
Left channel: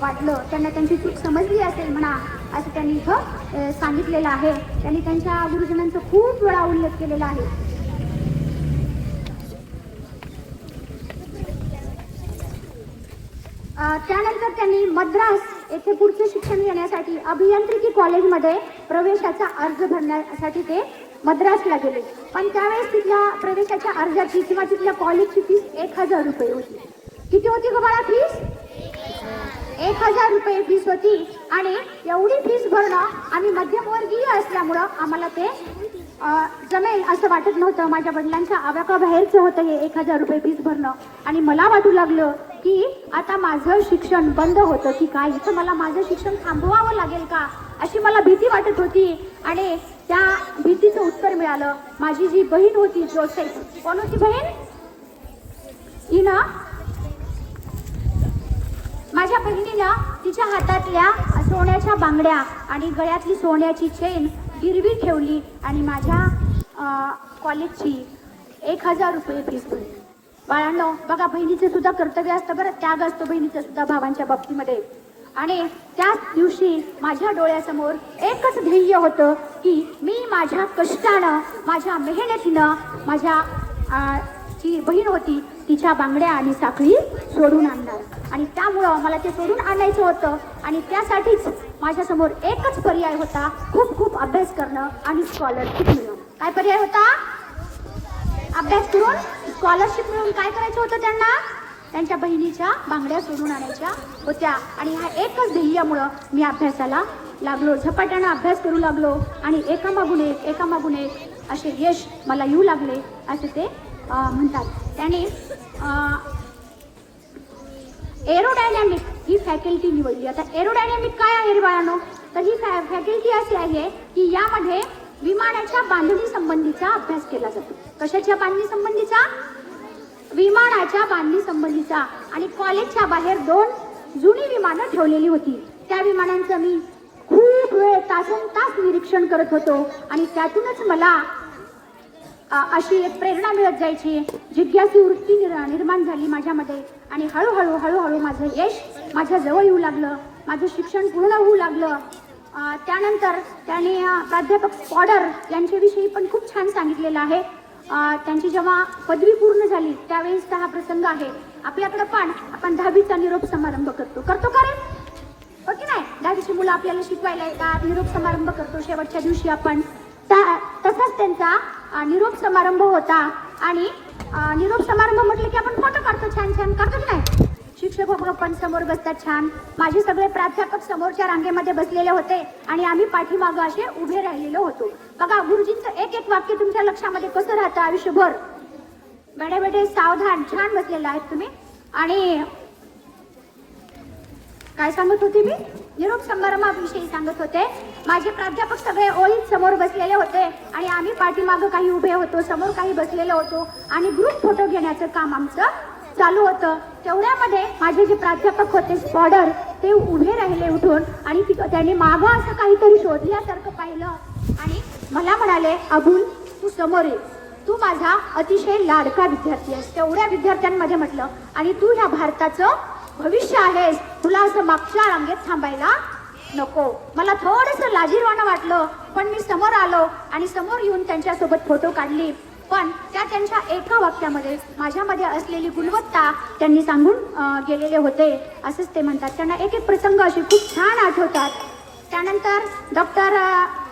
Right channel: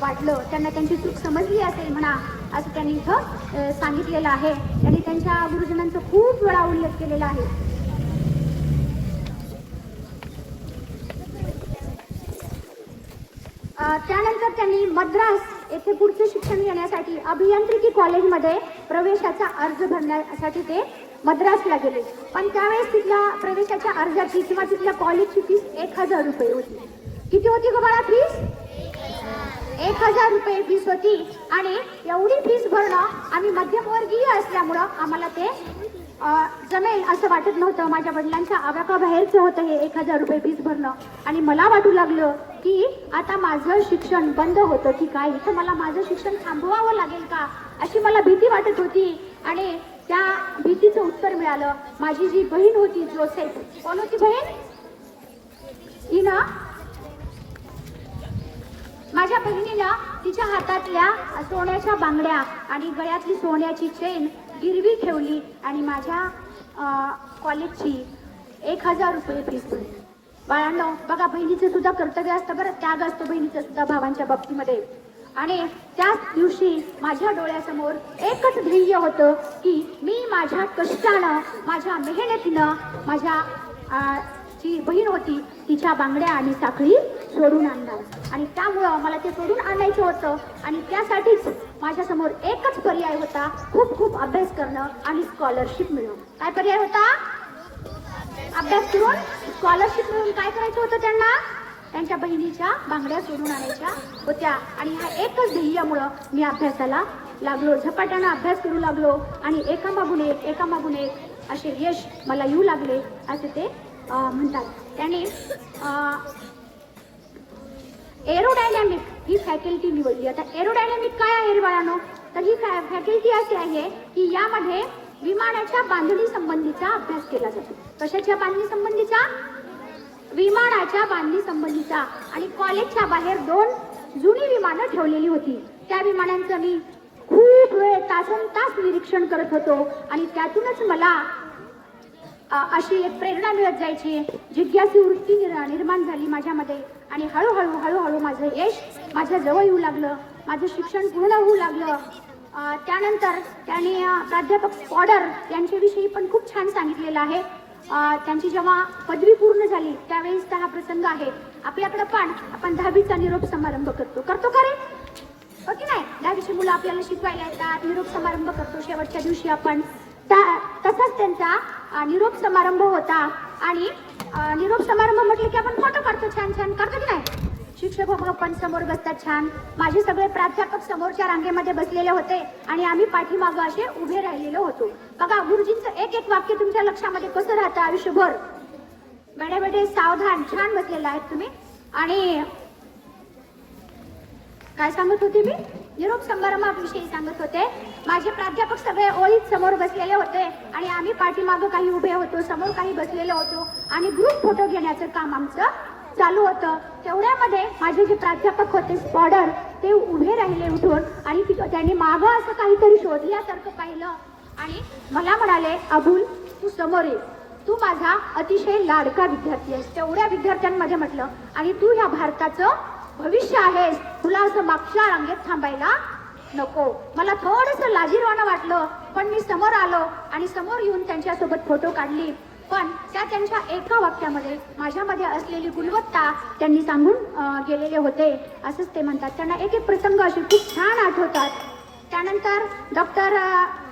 वाटलं. त्यांना त्यांची चूक समजली असेल म्हणा, असं त्यांनी इथं सांगितलेलं आहे. त्यांनी त्यांच्या गुरुजनांचा खूप वेळा उल्लेख केलेला आहे. त्यानंतर त्यांनी मद्रास येथे पुढचे शिक्षण घेण्यासाठी अभियांत्रिकी कॉलेजमध्ये प्रवेशाचा अर्ज भरण्यासाठी ते मद्रासला गेले. पण त्यावेळेस तिथल्या प्रवेशाच्या अर्जाची किंवा तिथल्या कॉलेजची फीस 1000 रुपये होती. किती होती गं बाळा फीस? 1000 रुपये फीस होती. आणि एवढी फीस भरणं आम्ही मध्यमवर्गीय असल्यामुळं आम्हाला ते जमेल असं वाटत नव्हतं. माझ्या वडिलांच्या आवाकाबाहेरचं होतं हे 1000 रुपये फीस भरणं. आणि मला वाटू लागलं की आता माझं शिक्षण बंद होतं की काय, इथं मला माझं शिक्षण थांबवावं लागेल का, अशी मला भीती वाटत होती. आणि त्या भीतीचं उत्तर मिळालं. माझी जी बहीण होती जोसेफ, कोण होती बहीण? हिनं, माझ्या बहिणीनं तिच्या हातातल्या सोन्याच्या बांगड्या आणि गळ्यातली सोन्याची चेन गिरवी ठेवली आणि माझ्या कॉलेजची 1000 रुपये फीस भरली. बाळांनो बघा, बहिणीचं सुद्धा कर्तव्य असतं बरं, त्याग असतो बहिणीचं सुद्धा भावांच्या बाबतीमध्ये. आणि त्याच दिवशी माझ्या डोळ्यासमोर एकच ध्येय होतं की मी माझ्या कष्टानं, माझ्या मेहनतीनं माझ्या जी बहीण होती तिच्या बांगड्या आणि साखळी सोडून आणणार. आणि त्यामुळं मला ते सोडून आणायचं होतं. आणि त्यासाठीच माझ्यासमोर एकच पर्याय होता, खूप खूप अभ्यास करणं आणि स्कॉलरशिप मिळवणं. काय पर्याय होता? अभ्यास करून स्कॉलरशिप मिळवून काय करायचं होतं त्यांना? त्यांच्या बहिणीच्या बांगड्या सोडून आणायच्या होत्या. आणि ह्या एकच ध्येयामुळं मी अभ्यासाला लागलो, झपाट्यानं अभ्यास करू लागलो आणि एकामागून एक असे यश मला येऊ लागले असे ते म्हणतात. त्याने एरोडायनॅमिक ही फॅकल्टी निवडली. आता एरोडायनॅमिक काय आहे रे बाळांनो? तर ही फॅकल्टी अशी आहे की यामध्ये विमानाच्या बांधणी संबंधीचा अभ्यास केला जातो. कशाच्या बांधणी संबंधीचा? विमानाच्या बांधणी संबंधीचा. आणि कॉलेजच्या बाहेर 2 जुनी विमानं ठेवलेली होती. त्या विमानांचं मी खूप वेळ तासनतास निरीक्षण करत होतो आणि त्यातूनच मला अशी एक प्रेरणा मिळत जायची, जिज्ञासू वृत्ती निर्माण झाली माझ्यामध्ये. आणि हळूहळू माझं यश माझ्या जवळ येऊ लागलं, माझं शिक्षण पूर्ण होऊ लागलं. त्यानंतर त्यांनी प्राध्यापक स्पॉडर यांच्याविषयी पण खूप छान सांगितलेलं आहे. त्यांची जेव्हा पदवी पूर्ण झाली त्यावेळेस हा प्रसंग आहे. आपल्याकडं पण आपण 10वीचा निरोप समारंभ करतो का रे? हो की नाही? 10वीची मुलं आपल्याला शिकवायला येतात, निरोप समारंभ करतो शेवटच्या दिवशी आपण. तसाच त्यांचा निरोप समारंभ होता. आणि निरोप समारंभ म्हटलं की आपण फोटो काढतो, छान छान करतो की नाही? शिक्षक पण समोर बसतात छान. माझे सगळे प्राध्यापक समोरच्या रांगेमध्ये बसलेले होते आणि आम्ही पाठीमागं असे उभे राहिलेलो होतो. बघा, गुरुजींचं एक एक वाक्य तुमच्या लक्षामध्ये कसं राहतं आयुष्यभर. बेडे सावधान, छान बसलेला आहेत तुम्ही. आणि काय सांगत होते मी? निरोप समारंभाविषयी सांगत होते. माझे प्राध्यापक सगळे ओळीत समोर बसलेले होते आणि आम्ही पाठीमागं काही उभे होतो, समोर काही बसलेलो होतो आणि ग्रुप फोटो घेण्याचं काम आमचं चालू होतं. तेवढ्यामध्ये माझे जे प्राध्यापक होते स्पॉडर, ते उभे राहिले उठून आणि त्याने मागं असं काहीतरी शोधल्यासारखं पाहिलं आणि मला म्हणाले, अबुल तू समोर ये, तू माझा अतिशय लाडका विद्यार्थी आहेस. तेवढ्या विद्यार्थ्यांमध्ये म्हटलं, आणि तू ह्या भारताचं भविष्य आहेस, तुला असं मागच्या रांगेत थांबायला नको. मला थोडंसं लाजिरवाणं वाटलं, पण मी समोर आलो आणि समोर येऊन त्यांच्यासोबत फोटो काढली. पण त्यांच्या एका वाक्यामध्ये माझ्यामध्ये असलेली गुणवत्ता त्यांनी सांगून गेलेले होते, असंच ते म्हणतात. त्यांना एक एक प्रसंग असे खूप छान आठवतात. त्यानंतर डॉक्टर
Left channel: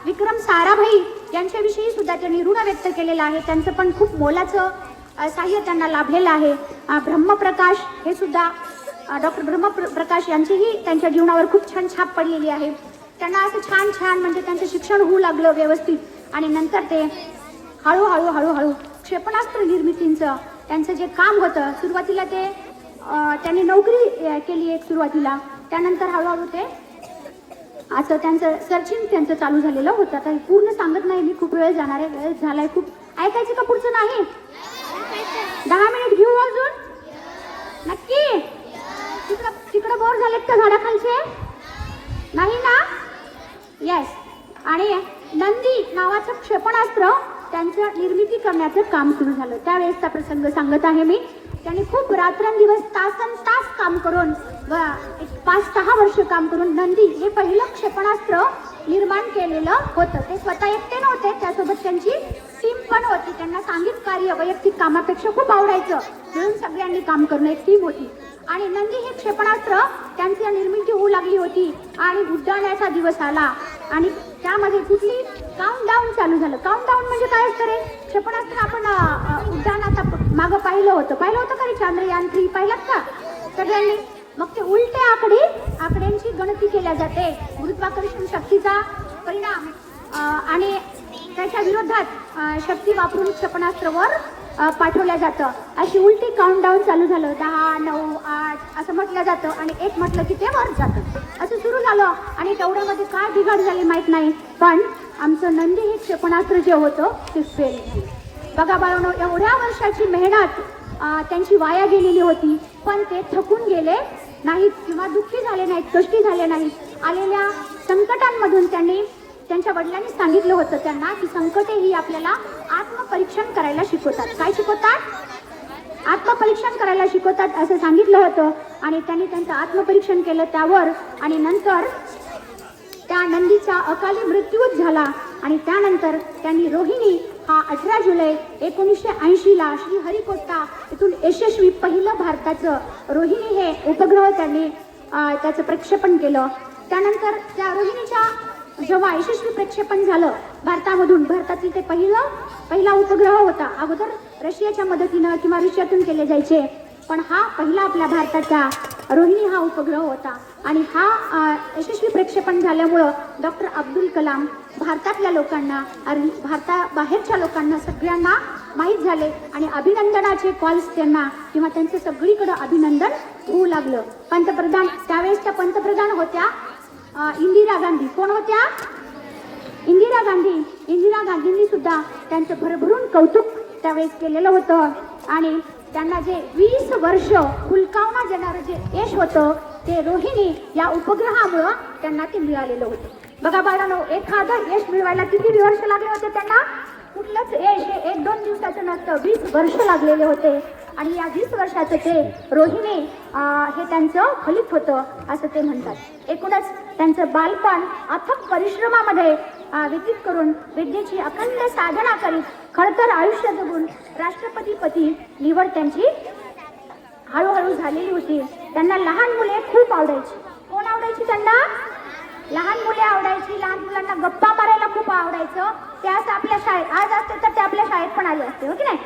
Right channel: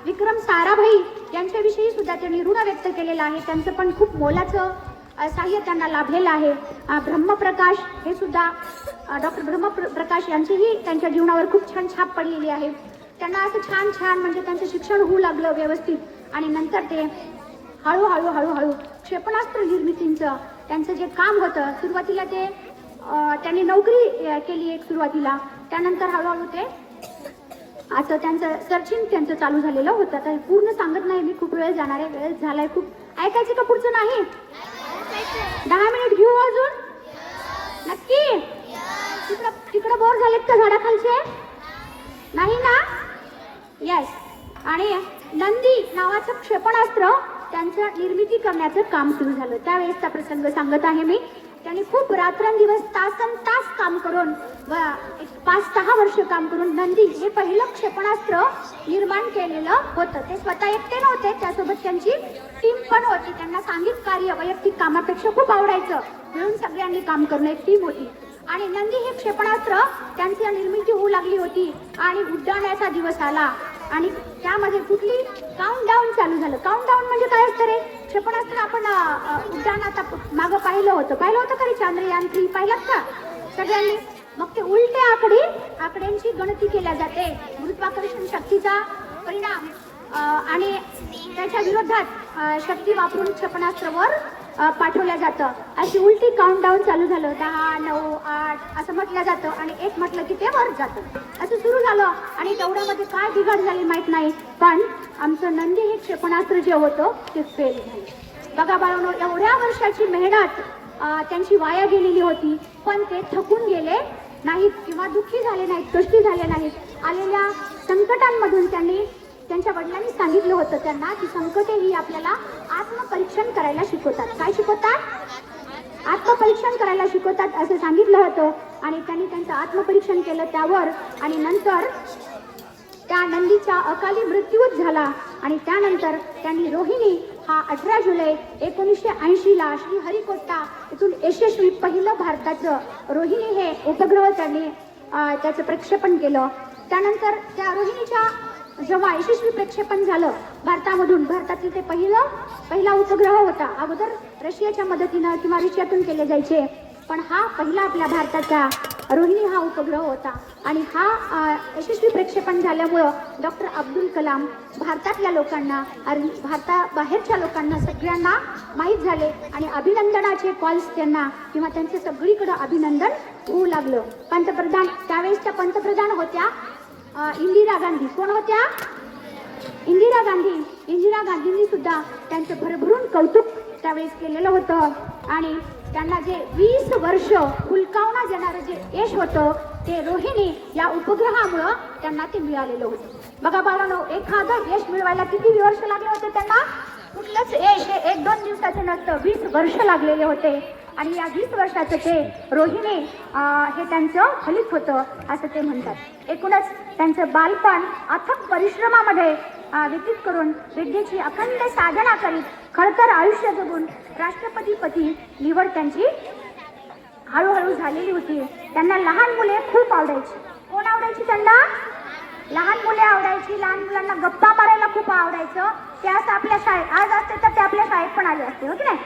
विक्रम साराभाई यांच्याविषयी सुद्धा त्यांनी ऋण व्यक्त केलेलं आहे. त्यांचं पण खूप मोलाचं साह्य त्यांना लाभलेलं आहे. ब्रह्मप्रकाश हे सुद्धा डॉक्टर ब्रह्मप्रकाश यांचीही त्यांच्या जीवनावर खूप छान छाप पडलेली आहे. त्यांना असं छान म्हणजे त्यांचं शिक्षण होऊ लागलं व्यवस्थित. आणि नंतर ते हळूहळू क्षेपणास्त्र निर्मितींचं त्यांचं जे काम होतं, सुरुवातीला त्यांनी नोकरी केली एक सुरुवातीला. त्यानंतर हळूहळू ते असं त्यांचं सर्चिंग त्यांचं चालू झालेलं होतं. आता पूर्ण सांगत नाही मी, खूप वेळ जाणार आहे, वेळ झालाय खूप. ऐकायचं का पुढचं? नाही, 10 मिनिट घेऊ अजून? नक्की? तिकडं बोर झालेत का झाडाखालचे? नाही ना? येस. आणि नंदी नावाचं क्षेपणास्त्र त्यांचं निर्मिती करण्याचं काम सुरू झालं. त्यावेळेसचा प्रसंग सांगत आहे मी. त्यांनी खूप रात्रंदिवस तास काम करून व 5-6 वर्ष काम करून नंदी हे पहिलं क्षेपणास्त्र निर्माण केलेलं होतं. ते स्वतः एकटे नव्हते, त्यासोबत त्यांची टीम पण होती. त्यांना सांघिक कार्य वैयक्तिक कामापेक्षा खूप आवडायचं, म्हणून सगळ्यांनी काम करणं एक टीम होती. आणि नंदी हे क्षेपणास्त्र त्यांची निर्मिती होऊ लागली होती आणि उड्डाणाचा दिवस आला आणि त्यामध्ये कुठली काउंटडाऊन चालू झालं. काउंटडाऊन म्हणजे काय असतं रे? क्षेपणास्त्र आपण उड्डाणात मागं पाहिलं होतं का रे? चांद्रयान 3 पाहिलं का सगळ्यांनी? मग ते उलटे आकड्यांची गणती केल्या जाते. गुरुत्वाकर्षण शक्तीचा परिणाम आणि त्याच्या विरोधात शक्ती वापरून क्षेपणास्त्रावर पाठवल्या जातं. अशी उलटी काउंटडाऊन चालू झालं. 10, 9, 8 असं म्हटलं जातं आणि 1 म्हटलं की ते वर जातं. असं सुरू झालं आणि तेवढ्यामध्ये काय बिघाड झाली माहित नाही, पण आमचं नंदी हे क्षेपणास्त्र जे होतं ते फेल झालं. बघा बाळांनो, एवढ्या वर्षाची मेहनत त्यांची वाया गेलेली होती, पण ते थकून गेले नाहीत किंवा दुःखी झाले नाहीत, कष्टी झाले नाहीत. आलेल्या संकटांमधून त्यांच्या वडिलांनी सांगितलं होतं त्यांना की संकटे ही आपल्याला आत्मपरीक्षण करायला शिकवतात. काय शिकवतात? आत्मपरीक्षण करायला शिकवतात असं सांगितलं होतं. आणि त्यांनी त्यांचं आत्मपरीक्षण केलं त्यावर आणि नंतर त्या नंदीचा अकाली मृत्यूच झाला. आणि त्यानंतर त्यांनी रोहिणी हा 18 जुलै 1980ला श्रीहरिकोटा येथून यशस्वी पहिलं भारताचं रोहिणी हे उपग्रह त्यांनी त्याचं प्रक्षेपण केलं. त्यानंतर त्या रोहिणीच्या जेव्हा यशस्वी प्रक्षेपण झालं भारतातील ते पहिला उपग्रह होता. अगोदर रशियाच्या मदतीनं किंवा रशियातून केले जायचे, पण हा पहिला आपल्या भारताचा रोहिणी हा उपग्रह होता. आणि हा यशस्वी प्रक्षेपण झाल्यामुळं डॉक्टर अब्दुल कलाम भारतातल्या लोकांना आणि भारताबाहेरच्या लोकांना सगळ्यांना माहीत झाले आणि अभिनंदनाचे कॉल्स त्यांना किंवा त्यांचे सगळीकडे अभिनंदन होऊ लागलं. पंतप्रधान त्यावेळेसच्या पंतप्रधान होत्या इंदिरा गांधी. कोण होत्या? इंदिरा गांधींनी सुद्धा त्यांचं भरभरून कौतुक त्यावेळेस केलेलं होतं. आणि त्यांना जे 20 वर्ष फुलकावणं देणारं जे यश होतं ते रोहिणी या उपग्रहामुळं त्यांना ते मिळालेलं होतं. बघा बाळांनो, एखादं यश मिळवायला किती वर्ष लागले होते त्यांना? कुठलंच यश हे 1-2 दिवसाचं नसतं, 20 वर्ष लागलेले होते. आणि या 20 वर्षाचं ते रोहिणी हे त्यांचं फलित होतं असं ते म्हणतात. एकूणच त्यांचं बालपण अथक परिश्रमामध्ये व्यतीत करून विद्येची अखंड साधना करीत खडतर आयुष्य जगून राष्ट्रपतीपदी निवड त्यांची हळूहळू झालेली होती. त्यांना लहान मुले खूप आवडायची. कोण आवडायची त्यांना? लहान मुले आवडायची. लहान मुलांना गप्पा मारायला खूप आवडायचं. ते असं आपल्या शाळेत आज असते तर ते आपल्या शाळेत पण आले असते, हो की नाही?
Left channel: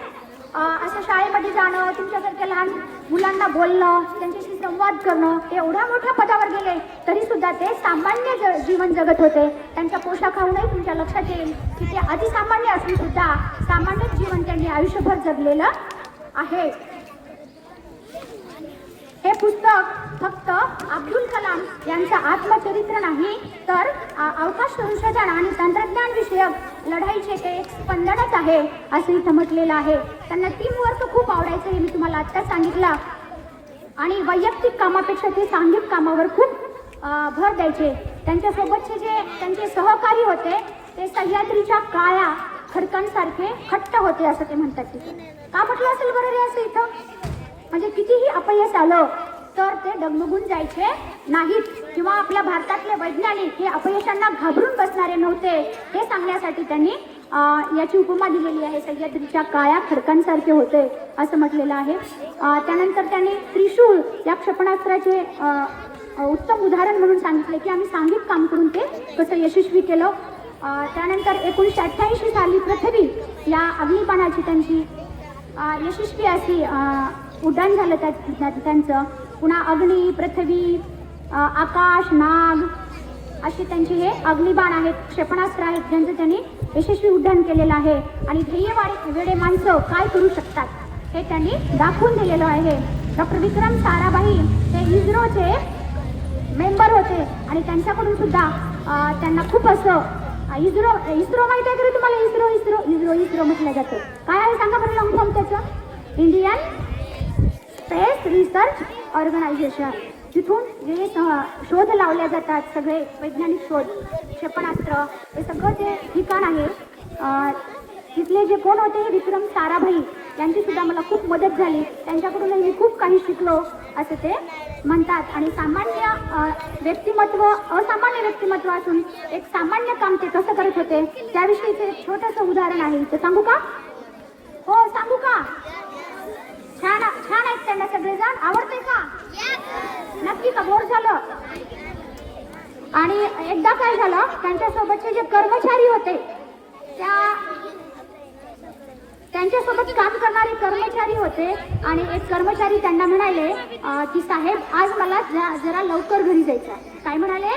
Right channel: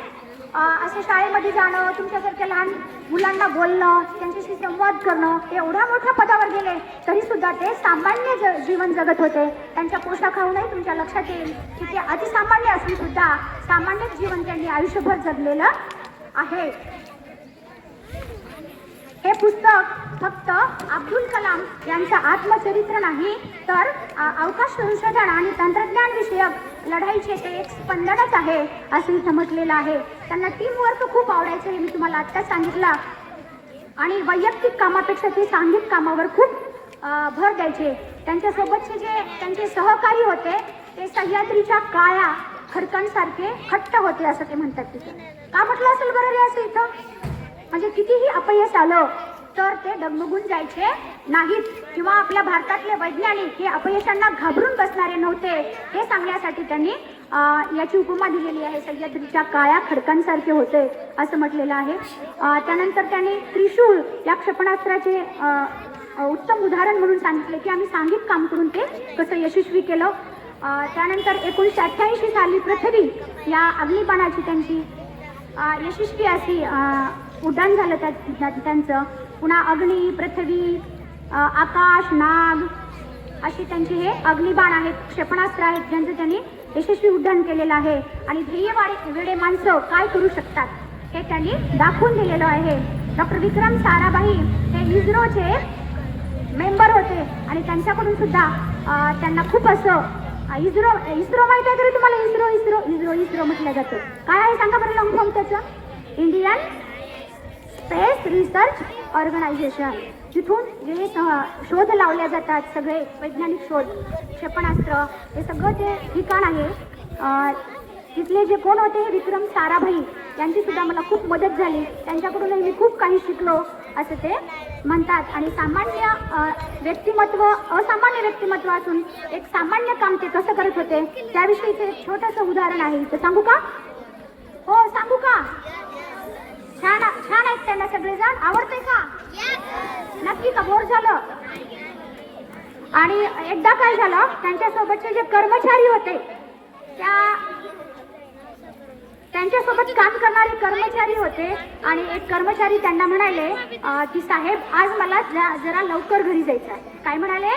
असं शाळेमध्ये जाणं, तुमच्यासारख्या लहान मुलांना बोलणं, त्यांच्याशी संवाद करणं, ते एवढ्या मोठ्या पदावर गेले तरी सुद्धा ते सामान्य जीवन जगत होते. त्यांच्या पोशाखावरूनही तुमच्या लक्षात येईल की ते अतिसामान्य असून सुद्धा सामान्य जीवन त्यांनी आयुष्यभर जगलेलं आहे. हे पुस्तक फक्त अब्दुल कलाम यांचं आत्मचरित्र नाही, तर अवकाश संशोधन आणि तंत्रज्ञान विषयक लढाईचे ते एक स्पंदनच आहे असंही समजलेलं आहे. त्यांना टीम वर्क खूप आवडायचं हे मी तुम्हाला आत्ता सांगितलं. आणि वैयक्तिक कामापेक्षा ते सांघिक कामावर खूप भर द्यायचे. त्यांच्यासोबतचे जे त्यांचे सहकारी होते ते सह्याद्रीच्या काळ्या खडकांसारखे हट्ट होते असं ते म्हणतात. तिथं का म्हटलं असेल बरं रे असं? इथं म्हणजे कितीही अपयश आलं तर ते डगमगून जायचे नाहीत किंवा आपल्या भारतातले वैज्ञानिक हे अपयशांना घाबरून बसणारे नव्हते हे सांगण्यासाठी त्यांनी याची उपमा दिलेली आहे. सह्याद्रीच्या काळ्या खडकांसारखे होते असं म्हटलेलं आहे. त्यानंतर त्यांनी त्रिशूळ या क्षेपणास्त्राचे उत्तम उदाहरण म्हणून सांगितले की आम्ही सांघिक काम करून ते कसं यशस्वी केलं. त्यानंतर 1988 साली पृथ्वी या अग्निबाणाची त्यांची यशस्वी अशी उड्डाण झालं त्यांचं. पुन्हा अग्नी, पृथ्वी, आकाश, नाग अशी त्यांची हे अग्निबाण आहेत, क्षेपणास्त्र आहेत ज्यांचं त्यांनी यशस्वी उड्डाण केलेलं आहे. आणि ध्येयवेडे माणसं काय करू शकतात हे त्यांनी दाखवून दिलेलं आहे. डॉक्टर विक्रम साराभाई हे इस्रोचे मेंबर होते आणि त्यांच्याकडून सुद्धा त्यांना खूप असं इस्रो माहिती आहे का तुम्हाला? इस्रो म्हटलं जातं. काय आहे सांगा बरं लॉंग फॉर्म त्याचं? इंडियन स्पेस रिसर्च ऑर्गनायझेशन, जिथून जे शोध लावले जातात, सगळे वैज्ञानिक शोध, क्षेपणास्त्र, हे सगळं जे ठिकाण आहे, तिथले जे कोण होते विक्रम साराभाई, यांची सुद्धा मला खूप मदत झाली. त्यांच्याकडूनही मी खूप काही शिकलो असं ते म्हणतात. आणि सामान्य व्यक्तिमत्व, असामान्य व्यक्तिमत्व असून एक सामान्य काम ते कसं करत होते त्याविषयीचं एक छोटंसं उदाहरण आहे. तर सांगू का? हो, सांगू का? छान छान आहेत त्यांना सगळेजण, आवडते का? नक्की का? बोर झालं? आणि एकदा काय झालं, त्यांच्यासोबतचे जे कर्मचारी होते, त्यांच्यासोबत काम करणारे कर्मचारी होते आणि एक कर्मचारी त्यांना म्हणाले की साहेब, आज मला जरा लवकर घरी जायचं आहे. काय म्हणाले?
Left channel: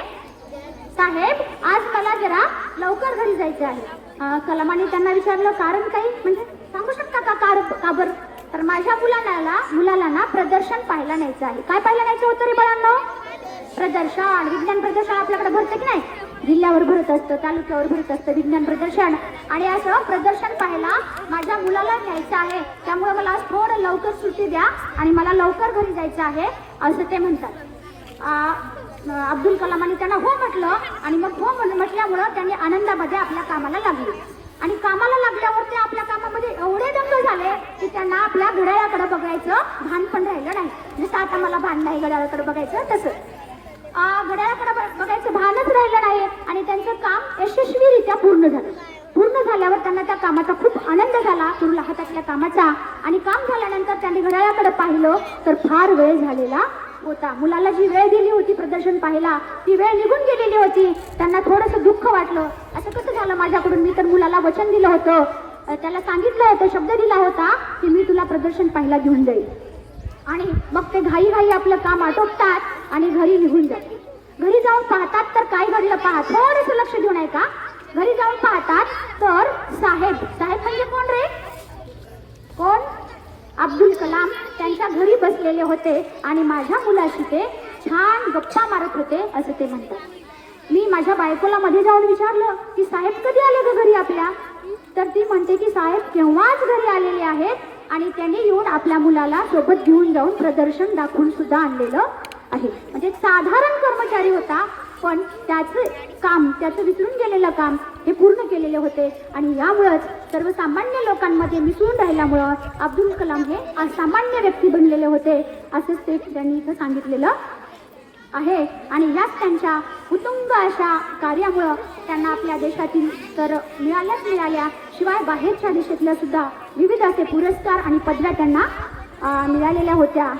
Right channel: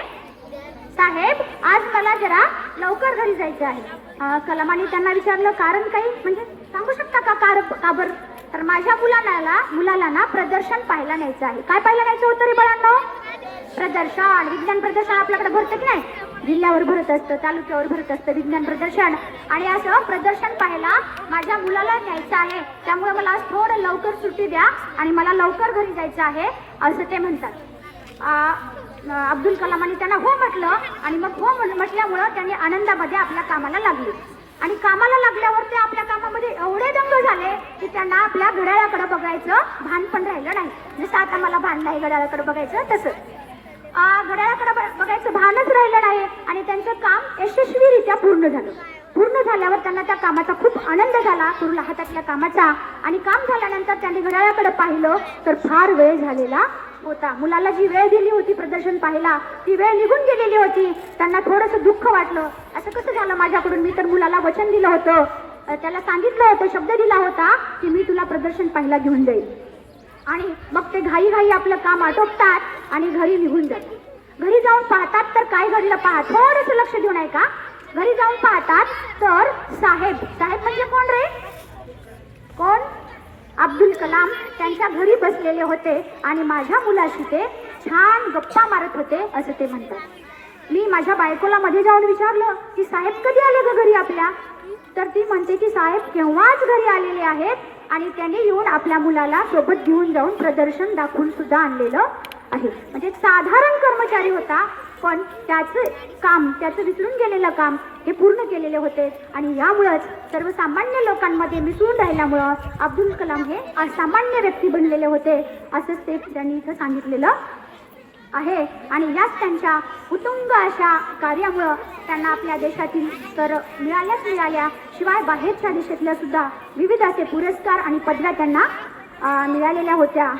साहेब, आज मला जरा लवकर घरी जायचं आहे. कलामाने त्यांना विचारलं, कारण काही, म्हणजे सांगू शकता का का बरं? तर माझ्या मुलाला ना प्रदर्शन पाहायला न्यायचं आहे. काय पाहायला न्यायचं होतं रे बाळांनो? प्रदर्शन. विज्ञान प्रदर्शन आपल्याकडे भरतं की नाही? जिल्ह्यावर भरत असतं, तालुक्यावर भरत असतं विज्ञान प्रदर्शन. आणि असं प्रदर्शन पाहायला माझ्या मुलाला न्यायचं आहे, त्यामुळे मला आज थोडं लवकर सुट्टी द्या आणि मला लवकर घरी जायचं आहे असं ते म्हणतात. अब्दुल कलामांनी त्यांना हो म्हटलं आणि मग हो म्हटल्यामुळं त्यांनी आनंदामध्ये आपल्या कामाला लागले. आणि कामाला लागल्यावर ते आपल्या कामामध्ये एवढे दंग झाले की त्यांना आपल्या घड्याळाकडे बघायचं भान पण राहिलं नाही. जसं आता मला भान नाही घड्याळाकडे बघायचं, तसं घड्याळाकडे बघायचं भानच राहिलं नाही. आणि त्यांचं काम यशस्वीरित्या पूर्ण झालं. पूर्ण झाल्यावर त्यांना त्या कामाचा खूप आनंद झाला, पूर्ण हातातल्या कामाचा. आणि काम झाल्यानंतर त्यांनी घड्याळाकडे पाहिलं तर फार वेळ झालेला होता. मुलाला जी वेळ दिली होती प्रदर्शन पाहायला, ती वेळ निघून गेलेली होती. त्यांना थोडंसं दुःख वाटलं, असं कसं झालं माझ्याकडून? मी तर मुलाला वचन दिलं होतं, त्याला सांगितलं होतं, शब्द दिला होता की मी तुला प्रदर्शन पाहायला घेऊन जाईल. आणि मग ते घाई आपलं काम आटोपतात आणि घरी निघून जातात. घरी जाऊन पाहतात तर काय घडलं पहा, थोडंसं लक्ष देऊन आहे का? घरी जाऊन पाहतात तर साहेब म्हणजे कोण रे? कोण? अब्दुल कलाम त्यांच्या घरी बसलेले होते आणि माझ्या मुलाशी ते छान गप्पा मारत होते असं ते म्हणतात. मी माझ्या बायकोला मध्ये जाऊन विचारलं की साहेब कधी आले ग घरी आपल्या? तर ती म्हणते की साहेब केव्हाच घरी आलेले आहेत आणि त्यांनी येऊन आपल्या मुलाला सोबत घेऊन जाऊन प्रदर्शन दाखवून सुद्धा आणलेलं आहे. म्हणजे एक साधारण कर्मचारी होता, पण त्याचं विसरून गेलेलं काम हे पूर्ण केलेले होते. आणि यामुळेच सर्वसामान्य लोकांमध्ये मिसळून राहिल्यामुळं अब्दुल कलाम हे असामान्य व्यक्ती बनलेले होते असंच ते त्यांनी इथं सांगितलेलं आहे. आणि याच त्यांच्या उत्तुंग अशा कार्यामुळं त्यांना आपल्या देशातील तर मिळाल्या, शिवाय बाहेरच्या देशातल्या सुद्धा विविध असे पुरस्कार आणि पदव्या त्यांना मिळालेल्या होत्या.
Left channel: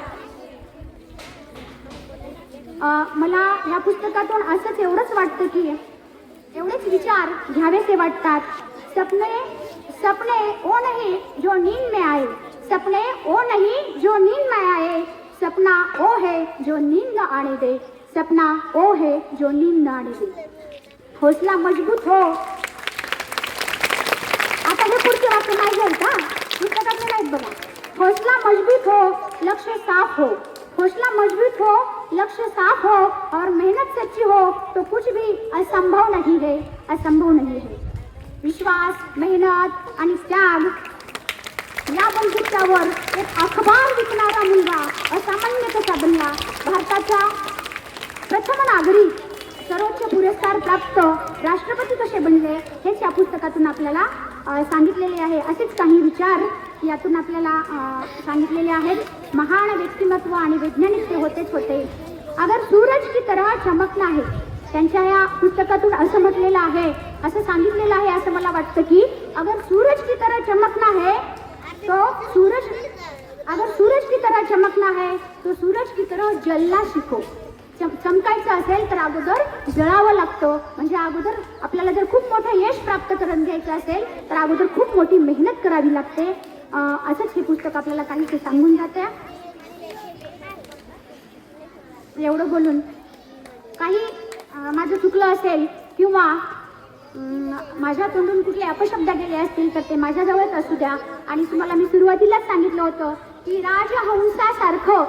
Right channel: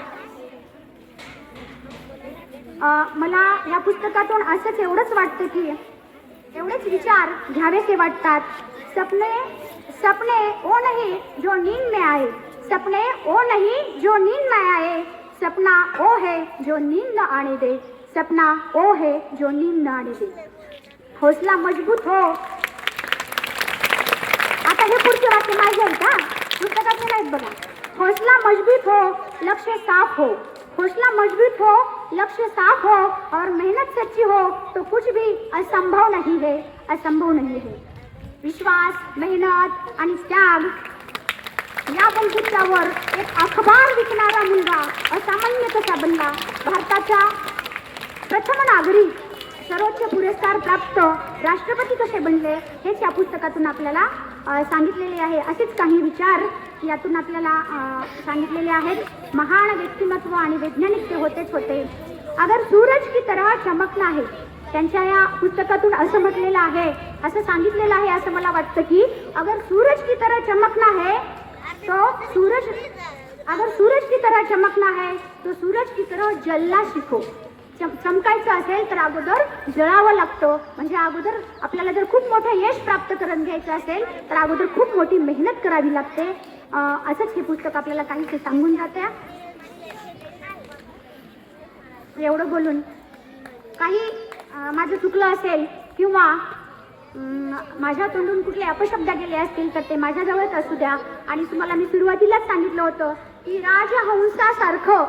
मला या पुस्तकातून असंच एवढंच वाटतं की एवढेच विचार घ्यावेसे वाटतात. सपने ओ नहीं जो नींद में आए, सपने ओ नहीं जो नींद में आए, सपना ओ है जो नींद न आने दे, सपना ओ है जो नींद न आने दे. हौसला मजबूत हो. आता हे पुढचे वाक्य माझे आहेत का? पुस्तकाचे नाहीत बघा. हौसला मजबूत हो, लक्ष्य साफ हो. हौसला मजबूत हो, लक्ष्य साफ हो और मेहनत सच्ची हो तो कुछ भी असंभव नहीं है. विश्वास, मेहनत आणि त्याग या बंधुत्वावर एक अखबार विकणारा मुलगा असामान्य कसा बनला. भारताचा प्रथम नागरिक, सर्वोच्च पुरस्कार प्राप्त राष्ट्रपती कसे बनले हेच या पुस्तकातून आपल्याला सांगितलेले आहे. असेच काही विचार यातून आपल्याला सांगितलेले आहेत. महान व्यक्तिमत्व आणि वैज्ञानिक ते होते. अगर सूरज की तरह चमकना है, त्यांच्या या पुस्तकातून असं म्हटलेलं आहे, असं सांगितलेलं आहे. असं मला वाटतं की अगर सूरज की तरह चमकना है तो सूरज की तरह जलना शिको. चमकायचं असेल तर अगोदर जळावं लागतं. म्हणजे अगोदर आपल्याला जर खूप मोठं यश प्राप्त करून घ्यायचं असेल तर अगोदर खूप मोठी मेहनत करावी लागते. असंच हे पुस्तक आपल्याला काहीसे सांगून जाते. एवढं बोलून काही माझं चुकलं असेल किंवा माझ्या तोंडून कुठले अपशब्द गेले असतील तर ते माझ्याजवळच असू द्या. आणि तुम्हाला मी सुरुवातीलाच सांगितलं होतं की राजहंसासारखं